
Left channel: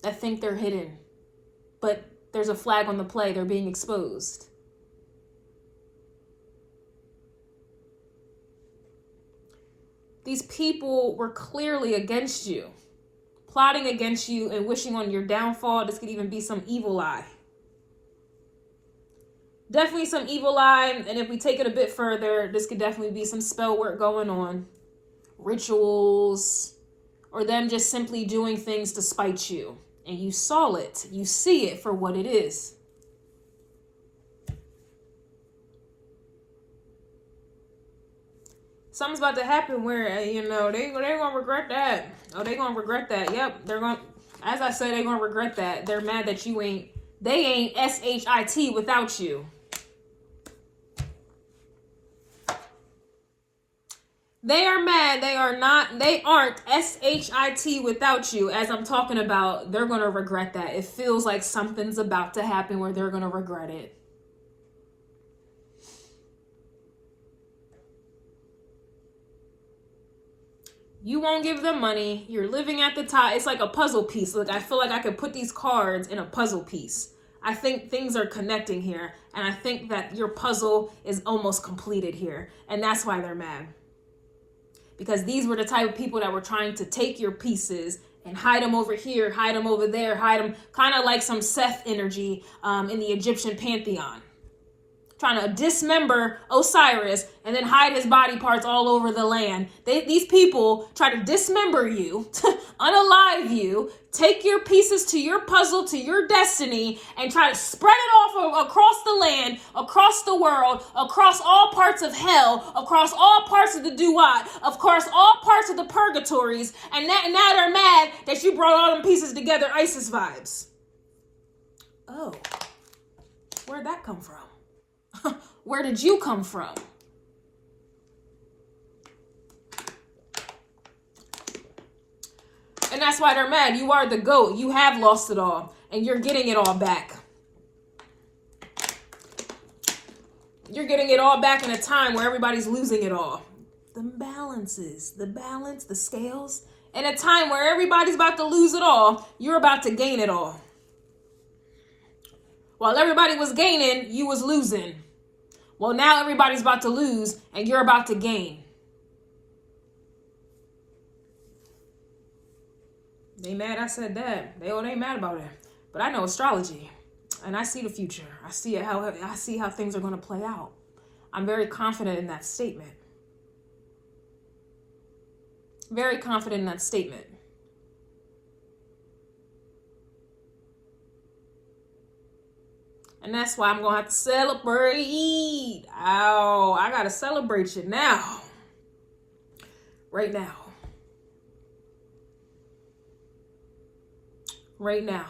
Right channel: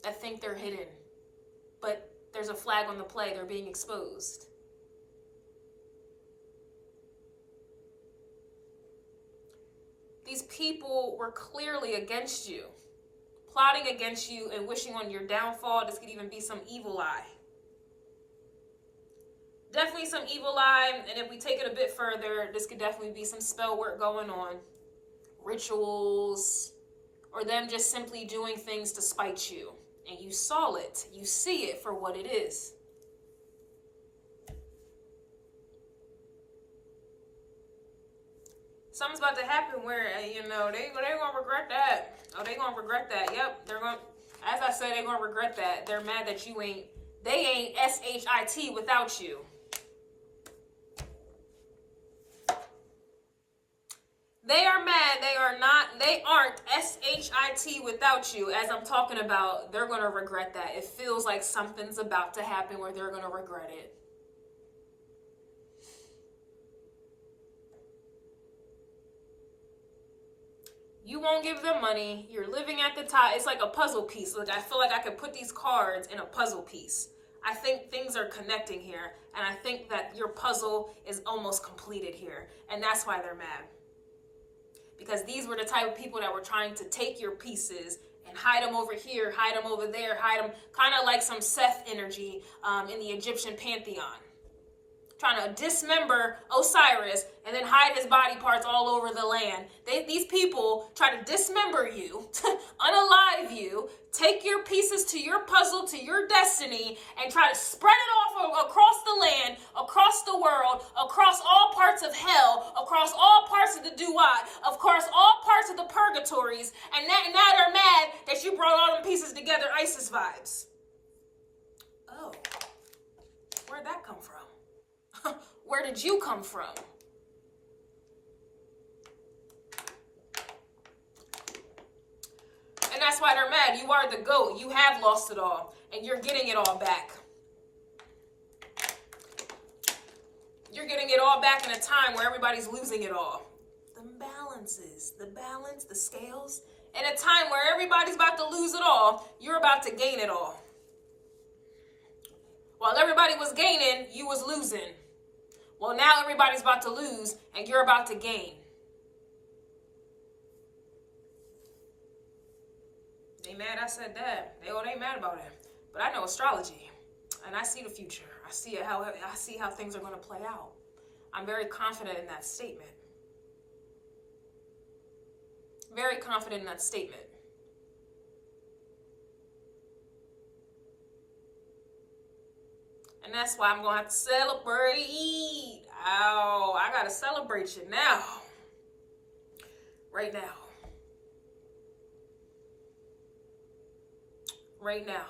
that think they're hidden, but there's a flag on the play. They're being exposed. These people were clearly against you, plotting against you and wishing on your downfall. This could even be some evil eye. Definitely some evil eye. And if we take it a bit further, this could definitely be some spell work going on, rituals, or them just simply doing things to spite you. And you saw it. You see it for what it is. Something's about to happen where, you know, they're going to regret that. Oh, they're going to regret that. Yep, they're going to, as I said, they're going to regret that. They're mad that you ain't, they ain't SHIT without you. They are mad. They are not, they aren't SHIT without you. As I'm talking about, they're going to regret that. It feels like something's about to happen where they're going to regret it. You won't give them money. You're living at the top. It's like a puzzle piece. Like, I feel like I could put these cards in a puzzle piece. I think things are connecting here. And I think that your puzzle is almost completed here. And that's why they're mad. Because these were the type of people that were trying to take your pieces and hide them over here, hide them over there, hide them, kind of like some Seth energy in the Egyptian pantheon. Trying to dismember Osiris and then hide his body parts all over the land. These people try to dismember you, unalive you, take your pieces to your puzzle, to your destiny, and try to spread it off across the land, across the world, across all parts of hell, across all parts of the duat, of course, all parts of the purgatories. And now they're mad that you brought all them pieces together, ISIS vibes. Oh, where'd that come from? Where did you come from? And that's why they're mad. You are the GOAT. You have lost it all. And you're getting it all back. You're getting it all back in a time where everybody's losing it all. The balances, the balance, the scales. In a time where everybody's about to lose it all, you're about to gain it all. While everybody was gaining, you was losing. Well, now everybody's about to lose and you're about to gain. They mad I said that. They ain't mad about it. But I know astrology and I see the future. I see how things are going to play out. I'm very confident in that statement. Very confident in that statement. And that's why I'm going to have to celebrate. Oh, I got to celebrate you now. Right now. Right now.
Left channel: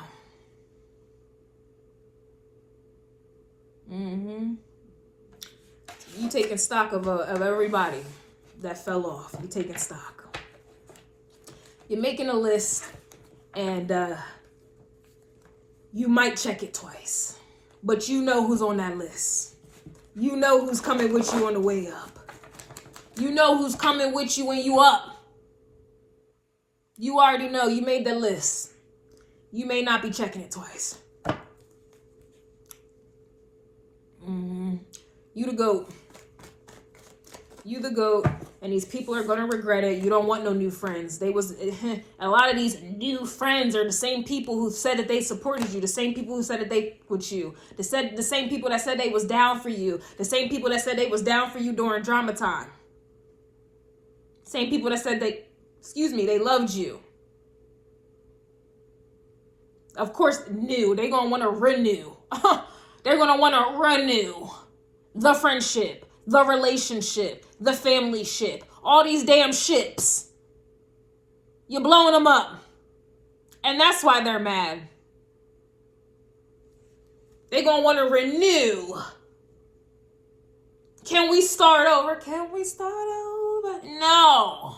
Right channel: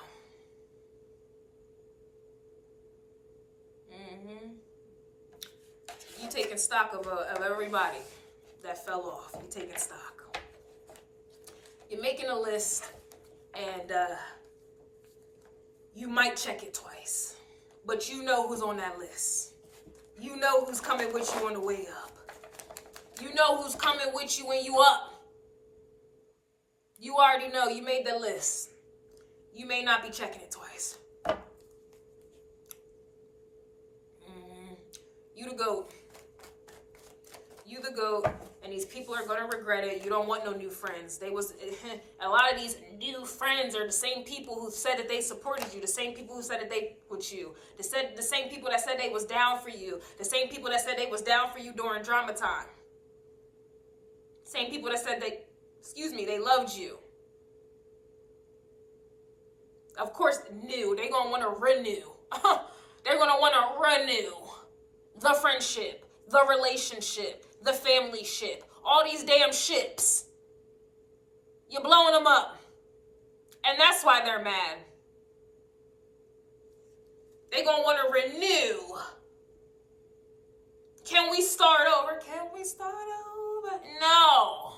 You taking stock of everybody that fell off. You taking stock. You're making a list and you might check it twice. But you know who's on that list. You know who's coming with you on the way up. You know who's coming with you when you up. You already know. You made the list. You may not be checking it twice. You the GOAT. You the GOAT. And these people are going to regret it. You don't want no new friends. A lot of these new friends are the same people who said that they supported you. The same people who said that they with you. The same people that said they was down for you. The same people that said they was down for you during drama time. Same people that said they loved you. Of course, new. They're going to want to renew. They're going to want to renew the friendship, the relationship, the family ship, all these damn ships. You're blowing them up. And that's why they're mad. They're going to want to renew. Can we start over? Can we start over? No.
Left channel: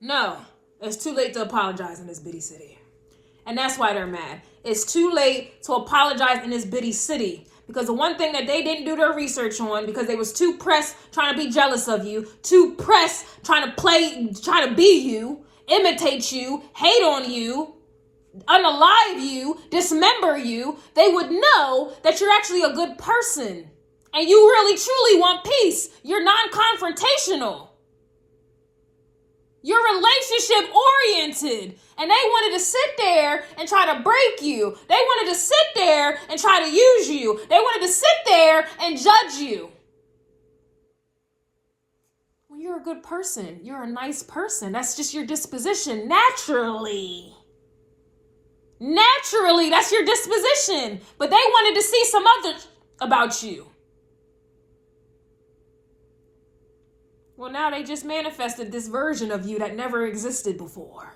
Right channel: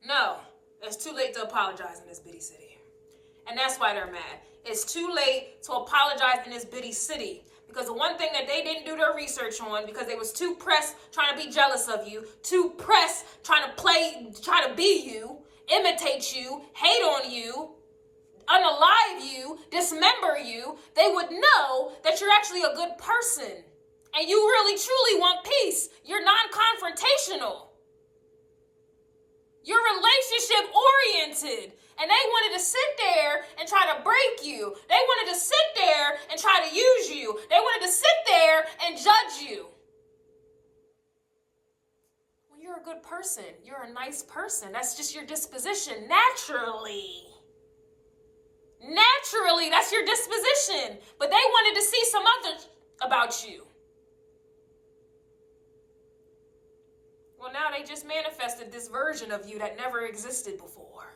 No. It's too late to apologize in this bitty city. And that's why they're mad. It's too late to apologize in this bitty city. Because the one thing that they didn't do their research on, because they was too pressed trying to be jealous of you, too pressed trying to be you, imitate you, hate on you, unalive you, dismember you, they would know that you're actually a good person. And you really truly want peace. You're non-confrontational. You're relationship oriented. And they wanted to sit there and try to break you. They wanted to sit there and try to use you. They wanted to sit there and judge you. Well, you're a good person. You're a nice person. That's just your disposition naturally. Naturally, that's your disposition. But they wanted to see some other about you. Well, now they just manifested this version of you that never existed before.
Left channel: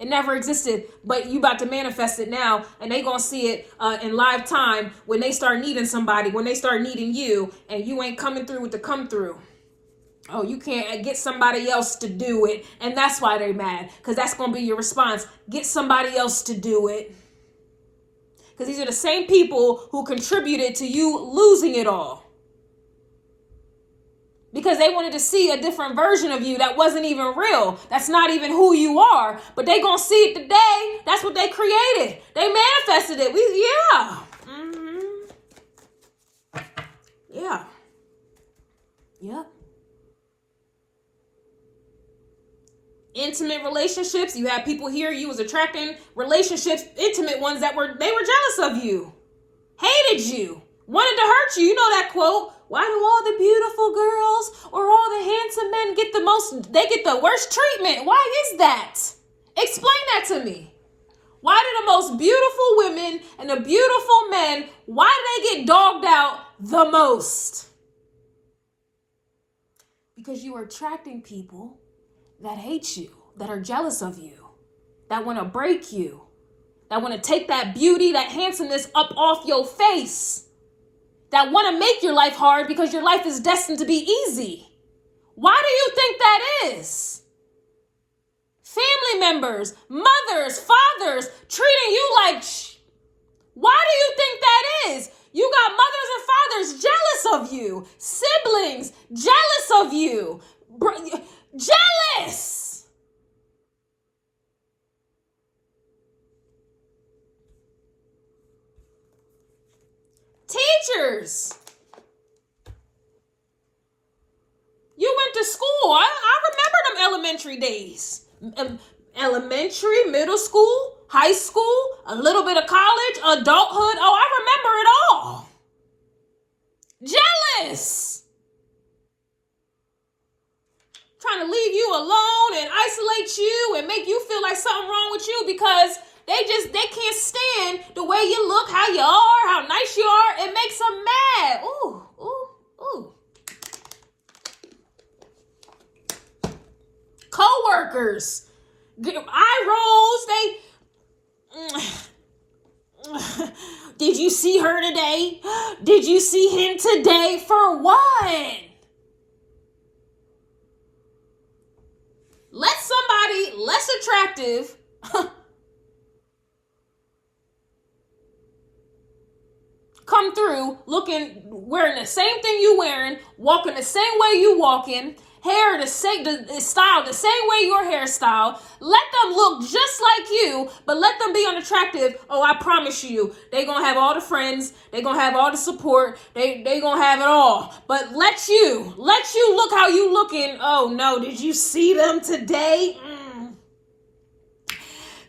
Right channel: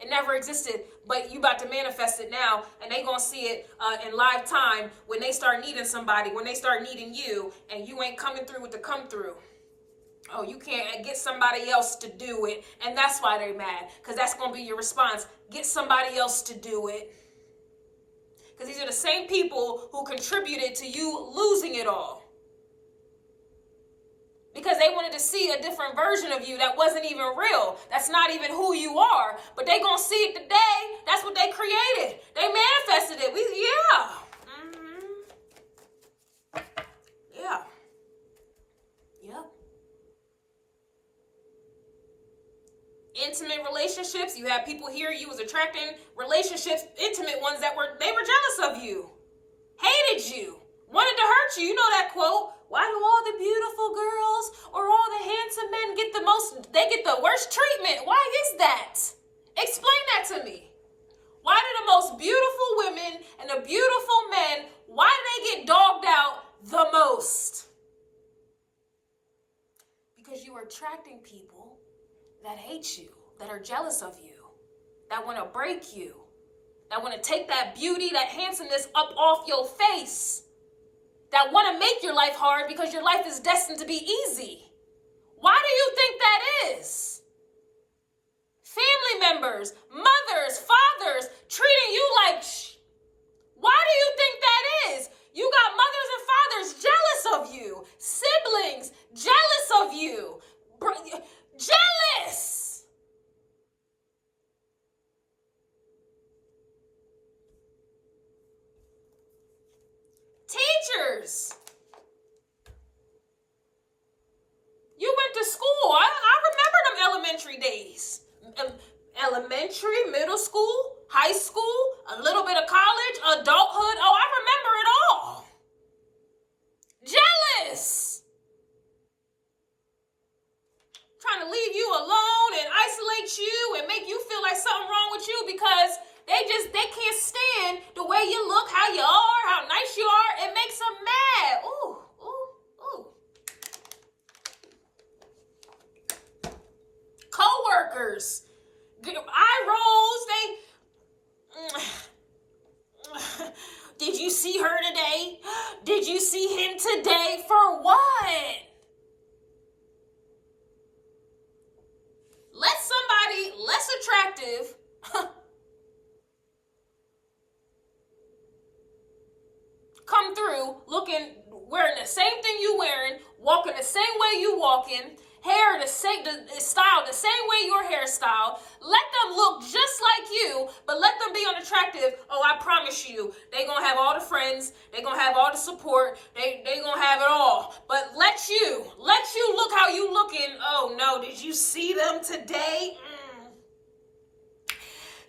It never existed, but you about to manifest it now, and they gonna see it in live time when they start needing somebody, when they start needing you, and you ain't coming through with the come through. Oh, you can't get somebody else to do it, and that's why they're mad, because that's gonna be your response. Get somebody else to do it. Because these are the same people who contributed to you losing it all. Because they wanted to see a different version of you that wasn't even real. That's not even who you are. But they gonna see it today. That's what they created. They manifested it. Yeah. Yeah. Yep. Intimate relationships. You have people here. You was attracting relationships, intimate ones they were jealous of you, hated you, wanted to hurt you. You know that quote. Why do all the beautiful girls or all the handsome men get the worst treatment? Why is that? Explain that to me. Why do the most beautiful women and the beautiful men, why do they get dogged out the most? Because you are attracting people that hate you, that are jealous of you, that want to break you, that want to take that beauty, that handsomeness up off your face. That want to make your life hard because your life is destined to be easy. Why do you think that is? Family members, mothers, fathers treating you like Why do you think that is? You got mothers and fathers jealous of you. Siblings jealous of you. Jealous. Teachers. You went to school. I remember them elementary days. Elementary, middle school, high school, a little bit of college, adulthood. Oh, I remember it all. Jealous. Trying to leave you alone and isolate you and make you feel like something wrong with you because they can't stand the way you look, how you are, how nice you are. It makes them mad. Ooh, ooh, ooh. Co-workers, eye rolls. Did you see her today? Did you see him today? For what? Let somebody less attractive come through wearing the same thing you wearing, walking the same way you walking, hair the style the same way your hairstyle. Let them look just like you, but let them be unattractive. Oh, I promise you, they gonna have all the friends, they gonna have all the support, they gonna have it all. But let you look how you looking. Oh no, did you see them today?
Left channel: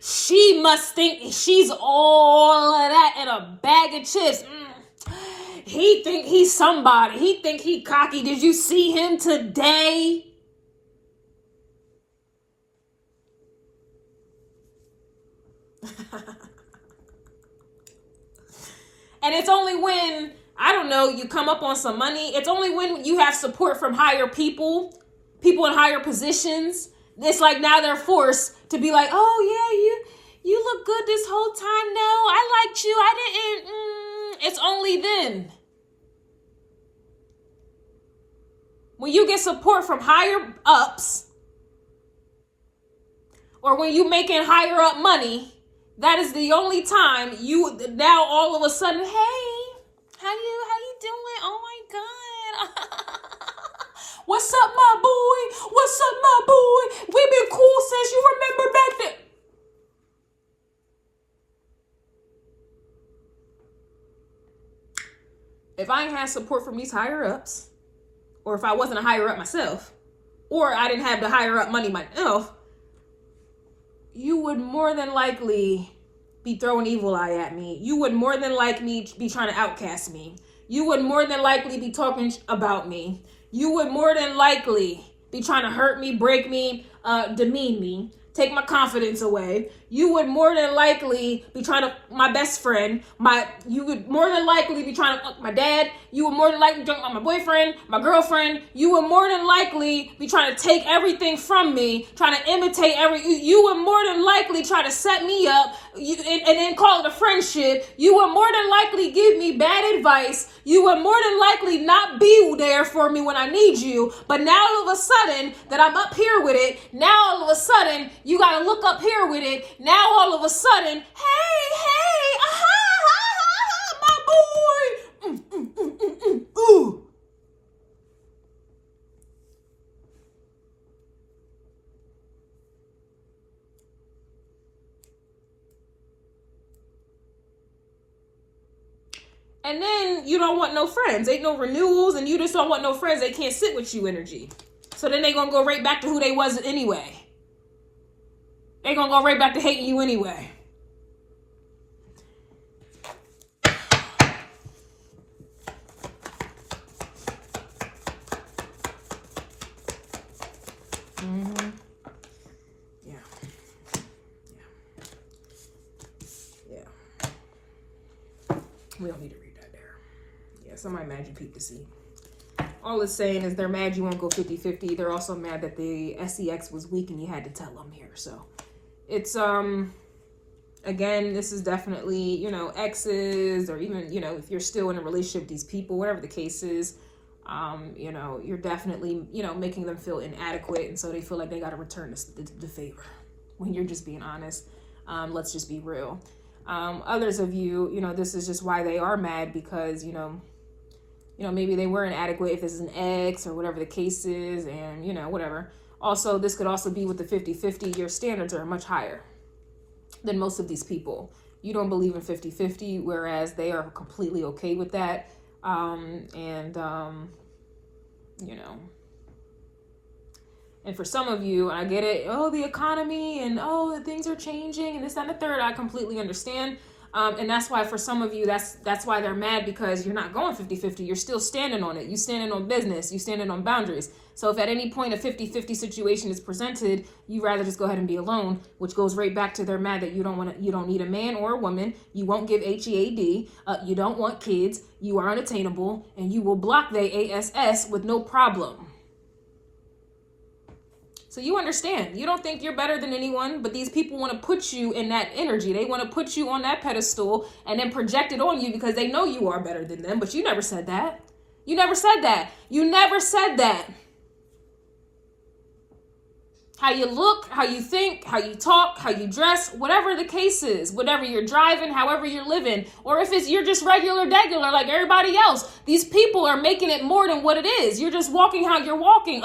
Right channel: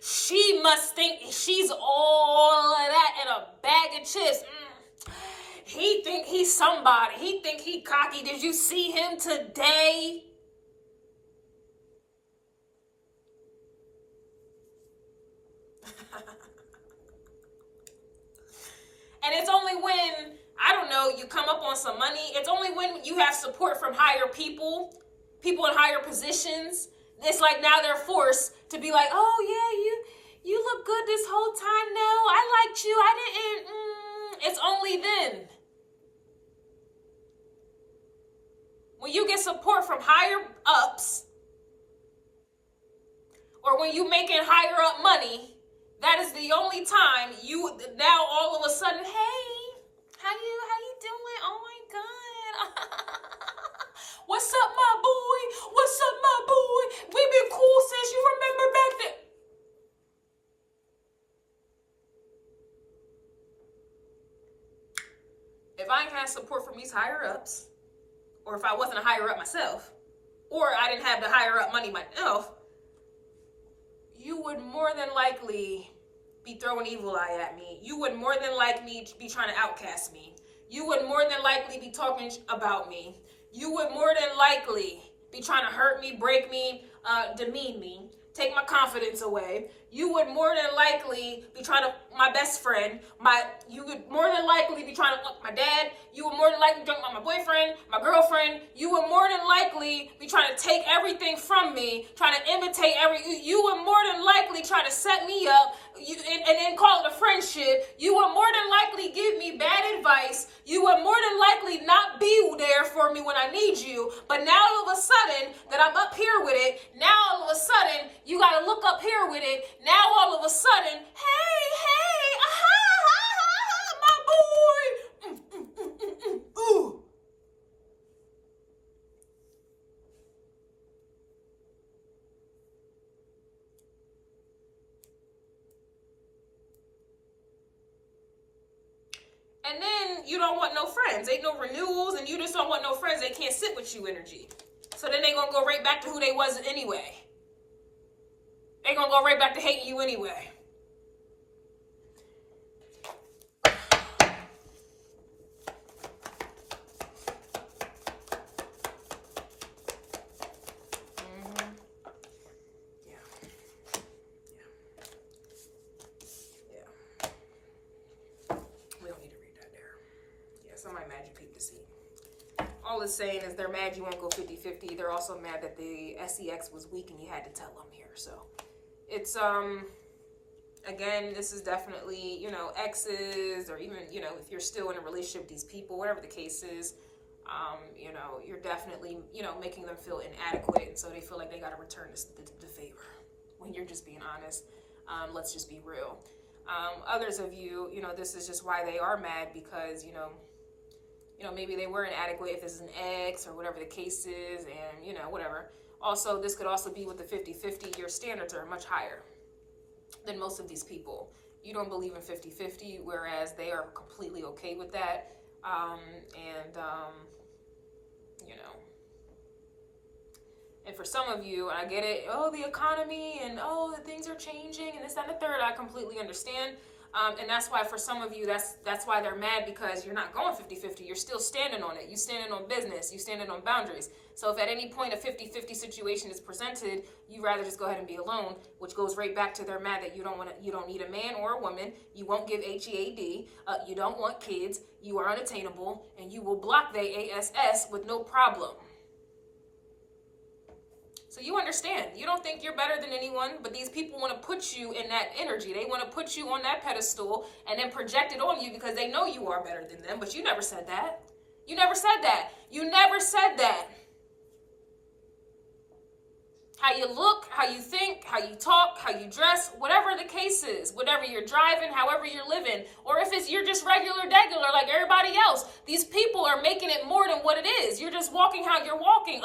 She must think she's all of that in a bag of chips. He think he's somebody. He think he cocky. Did you see him today? And it's only when, I don't know, you come up on some money. It's only when you have support from higher people in higher positions. It's like now they're forced to be like, oh yeah, you look good this whole time. No, I liked you. I didn't. It's only then. When you get support from higher ups, or when you making higher up money, That is the only time you now all of a sudden, hey, how you doing? Oh my God. What's up, my boy? What's up, my boy? We've been cool since you remember back then. If I ain't had support from these higher ups, or if I wasn't a higher up myself, or I didn't have the higher up money myself, you would more than likely be throwing evil eye at me. You would more than likely be trying to outcast me. You would more than likely be talking about me. You would more than likely be trying to hurt me, break me, demean me, take my confidence away. You would more than likely be trying to, my best friend, you would more than likely be trying to fuck my dad. You would more than likely be talking about my boyfriend, my girlfriend. You would more than likely be trying to take everything from me, trying to imitate you would more than likely try to set me up and then call it a friendship. You would more than likely give me bad advice. You would more than likely not be there for me when I need you. But now all of a sudden that I'm up here with it, now all of a sudden you got to look up here with it. Now all of a sudden, hey, my boy, ooh. And then you don't want no friends. Ain't no renewals, and you just don't want no friends. They can't sit with you energy. So then they gonna go right back to who they was anyway. They gonna go right back to hating you anyway. Yeah. We don't need to read that there. Yeah, somebody mad you peeped the seed. All it's saying is they're mad you won't go 50-50. They're also mad that the SEX was weak and you had to tell them here. So it's, again, this is definitely, you know, exes, or even, you know, if you're still in a relationship with these people, whatever the case is, you know, you're definitely, you know, making them feel inadequate. And so they feel like they got to return the favor when you're just being honest. Let's just be real. Others of you, you know, this is just why they are mad, because, you know, maybe they were inadequate if this is an ex or whatever the case is, and, you know, whatever. Also, this could also be with the 50-50. Your standards are much higher than most of these people. You don't believe in 50-50, whereas they are completely okay with that. You know, and for some of you, I get it, oh, the economy, and oh, things are changing, and this, that, and the third. I completely understand. And that's why for some of you, that's why they're mad, because you're not going 50-50. You're still standing on it. You standing on business. You standing on boundaries. So if at any point a 50-50 situation is presented, you rather just go ahead and be alone, which goes right back to they're mad that you don't need a man or a woman. You won't give HEAD. You don't want kids. You are unattainable, and you will block the ASS with no problem. So you understand. You don't think you're better than anyone, but these people want to put you in that energy. They want to put you on that pedestal and then project it on you because they know you are better than them, but you never said that. You never said that. You never said that. How you look, how you think, how you talk, how you dress, whatever the case is, whatever you're driving, however you're living, or if it's you're just regular like everybody else. These people are making it more than what it is. You're just walking how you're walking.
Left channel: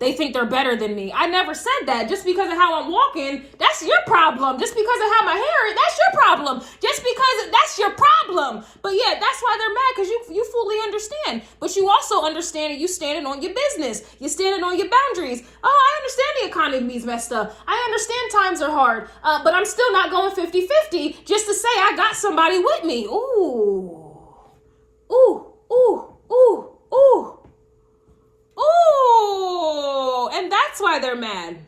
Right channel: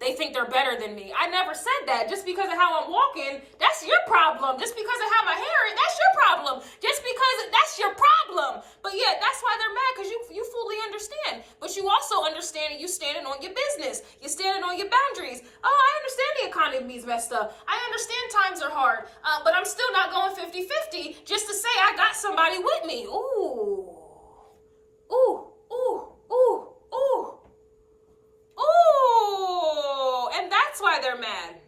They think they're better than me. I never said that. Just because of how I'm walking, that's your problem. Just because of how my hair is, that's your problem. Just because that's your problem. But yeah, that's why they're mad, because you fully understand. But you also understand that you standing on your business. You're standing on your boundaries. Oh, I understand the economy's messed up. I understand times are hard, but I'm still not going 50-50 just to say I got somebody with me. Ooh. Ooh, ooh, ooh, ooh. Ooh. And that's why they're mad.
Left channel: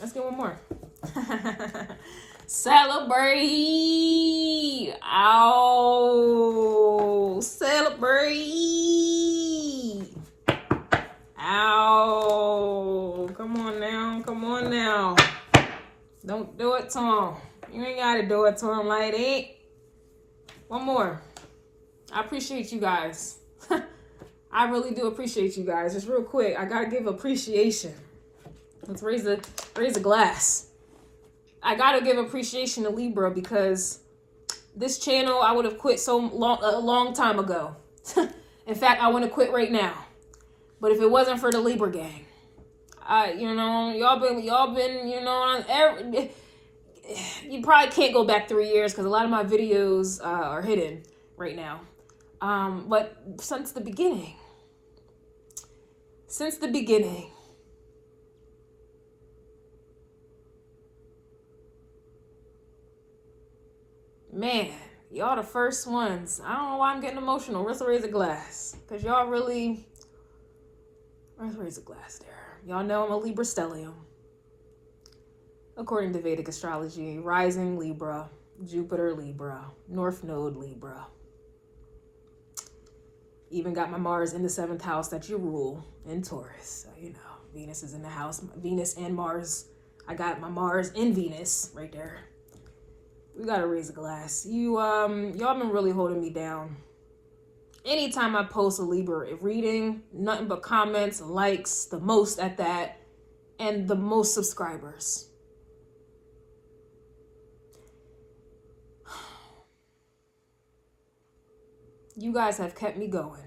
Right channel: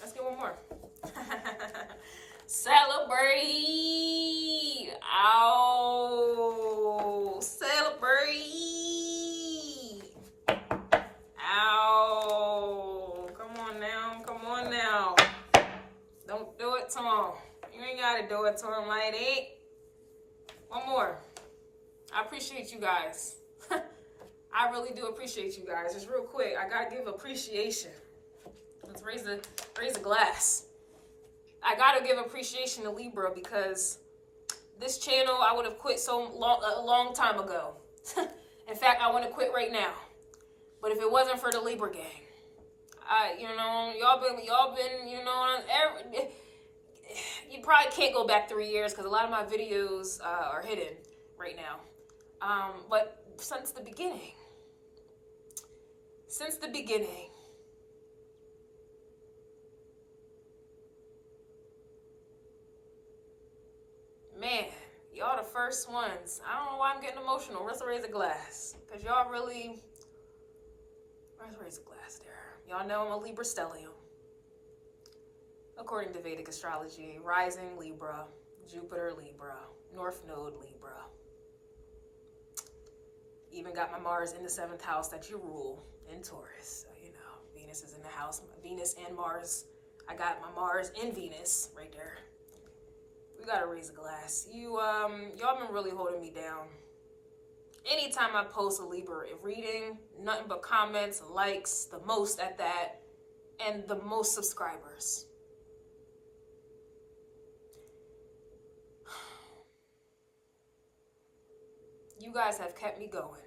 Let's get one more. Celebrate. Ow. Celebrate. Ow. Come on now. Come on now. Don't do it to him. You ain't got to do it to him like that. One more. I appreciate you guys. I really do appreciate you guys. Just real quick, I gotta give appreciation. Let's raise a glass. I gotta give appreciation to Libra because this channel I would have quit a long time ago. In fact, I want to quit right now. But if it wasn't for the Libra gang, y'all been, you probably can't go back 3 years because a lot of my videos are hidden right now. But since the beginning, man, y'all the first ones. I don't know why I'm getting emotional. Let's raise a glass. Because y'all really... Let's raise a glass there. Y'all know I'm a Libra stellium. According to Vedic astrology, rising Libra, Jupiter Libra, North Node Libra. Even got my Mars in the 7th house that you rule in Taurus. So, Venus is in the house. Venus and Mars. I got my Mars in Venus right there. We gotta raise a glass. Y'all been really holding me down. Anytime I post a Libra reading, nothing but comments, likes, the most at that, and the most subscribers. You guys have kept me going.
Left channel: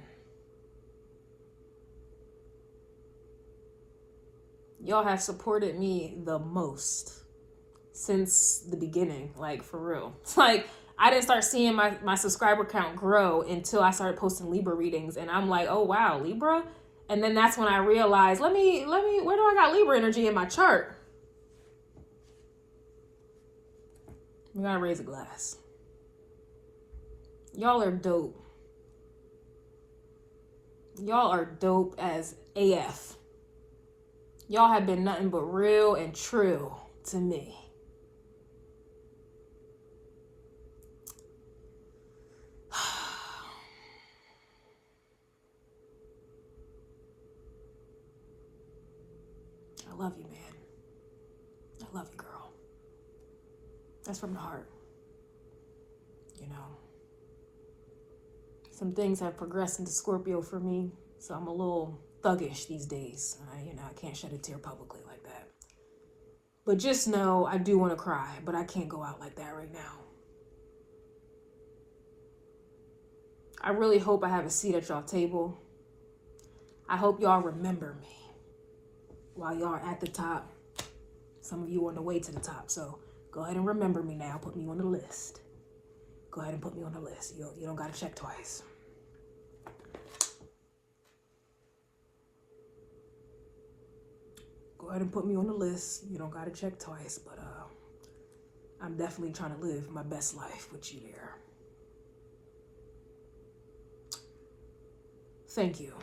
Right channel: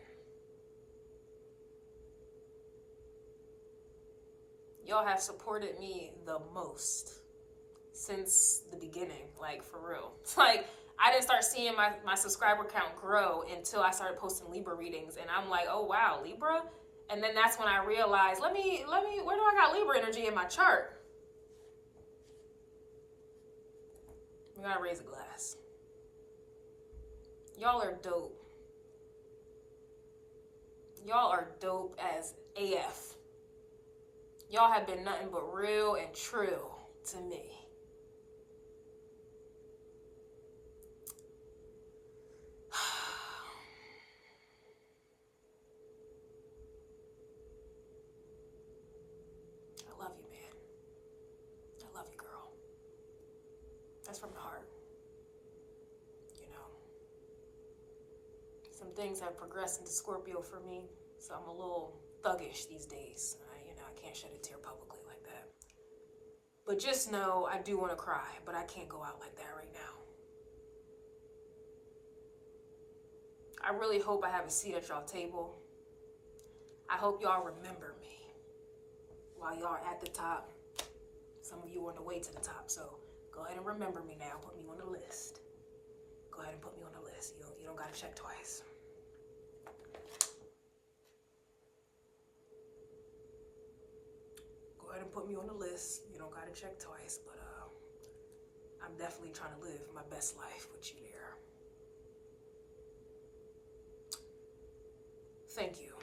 Y'all have supported me the most since the beginning, like for real. Like I didn't start seeing my subscriber count grow until I started posting Libra readings, and I'm like, oh wow, Libra? And then that's when I realized, let me, where do I got Libra energy in my chart? We gotta raise a glass. Y'all are dope. Y'all are dope as AF. Y'all have been nothing but real and true to me. I love you, man. I love you, girl. That's from the heart. Some things have progressed into Scorpio for me, so I'm a little thuggish these days. I can't shed a tear publicly like that. But just know I do want to cry, but I can't go out like that right now. I really hope I have a seat at y'all table. I hope y'all remember me while y'all are at the top. Some of you are on the way to the top, so go ahead and remember me now. Put me on the list. Go ahead and put me on the list. You don't got to check twice. Go ahead and put me on the list. You don't got to check twice, but I'm definitely trying to live my best life with you there. Thank you.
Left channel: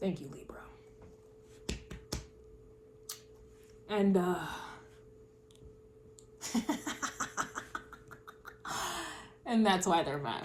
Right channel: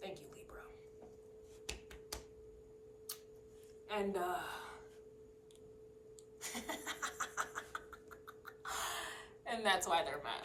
Thank you, Libra. And and that's why they're mad.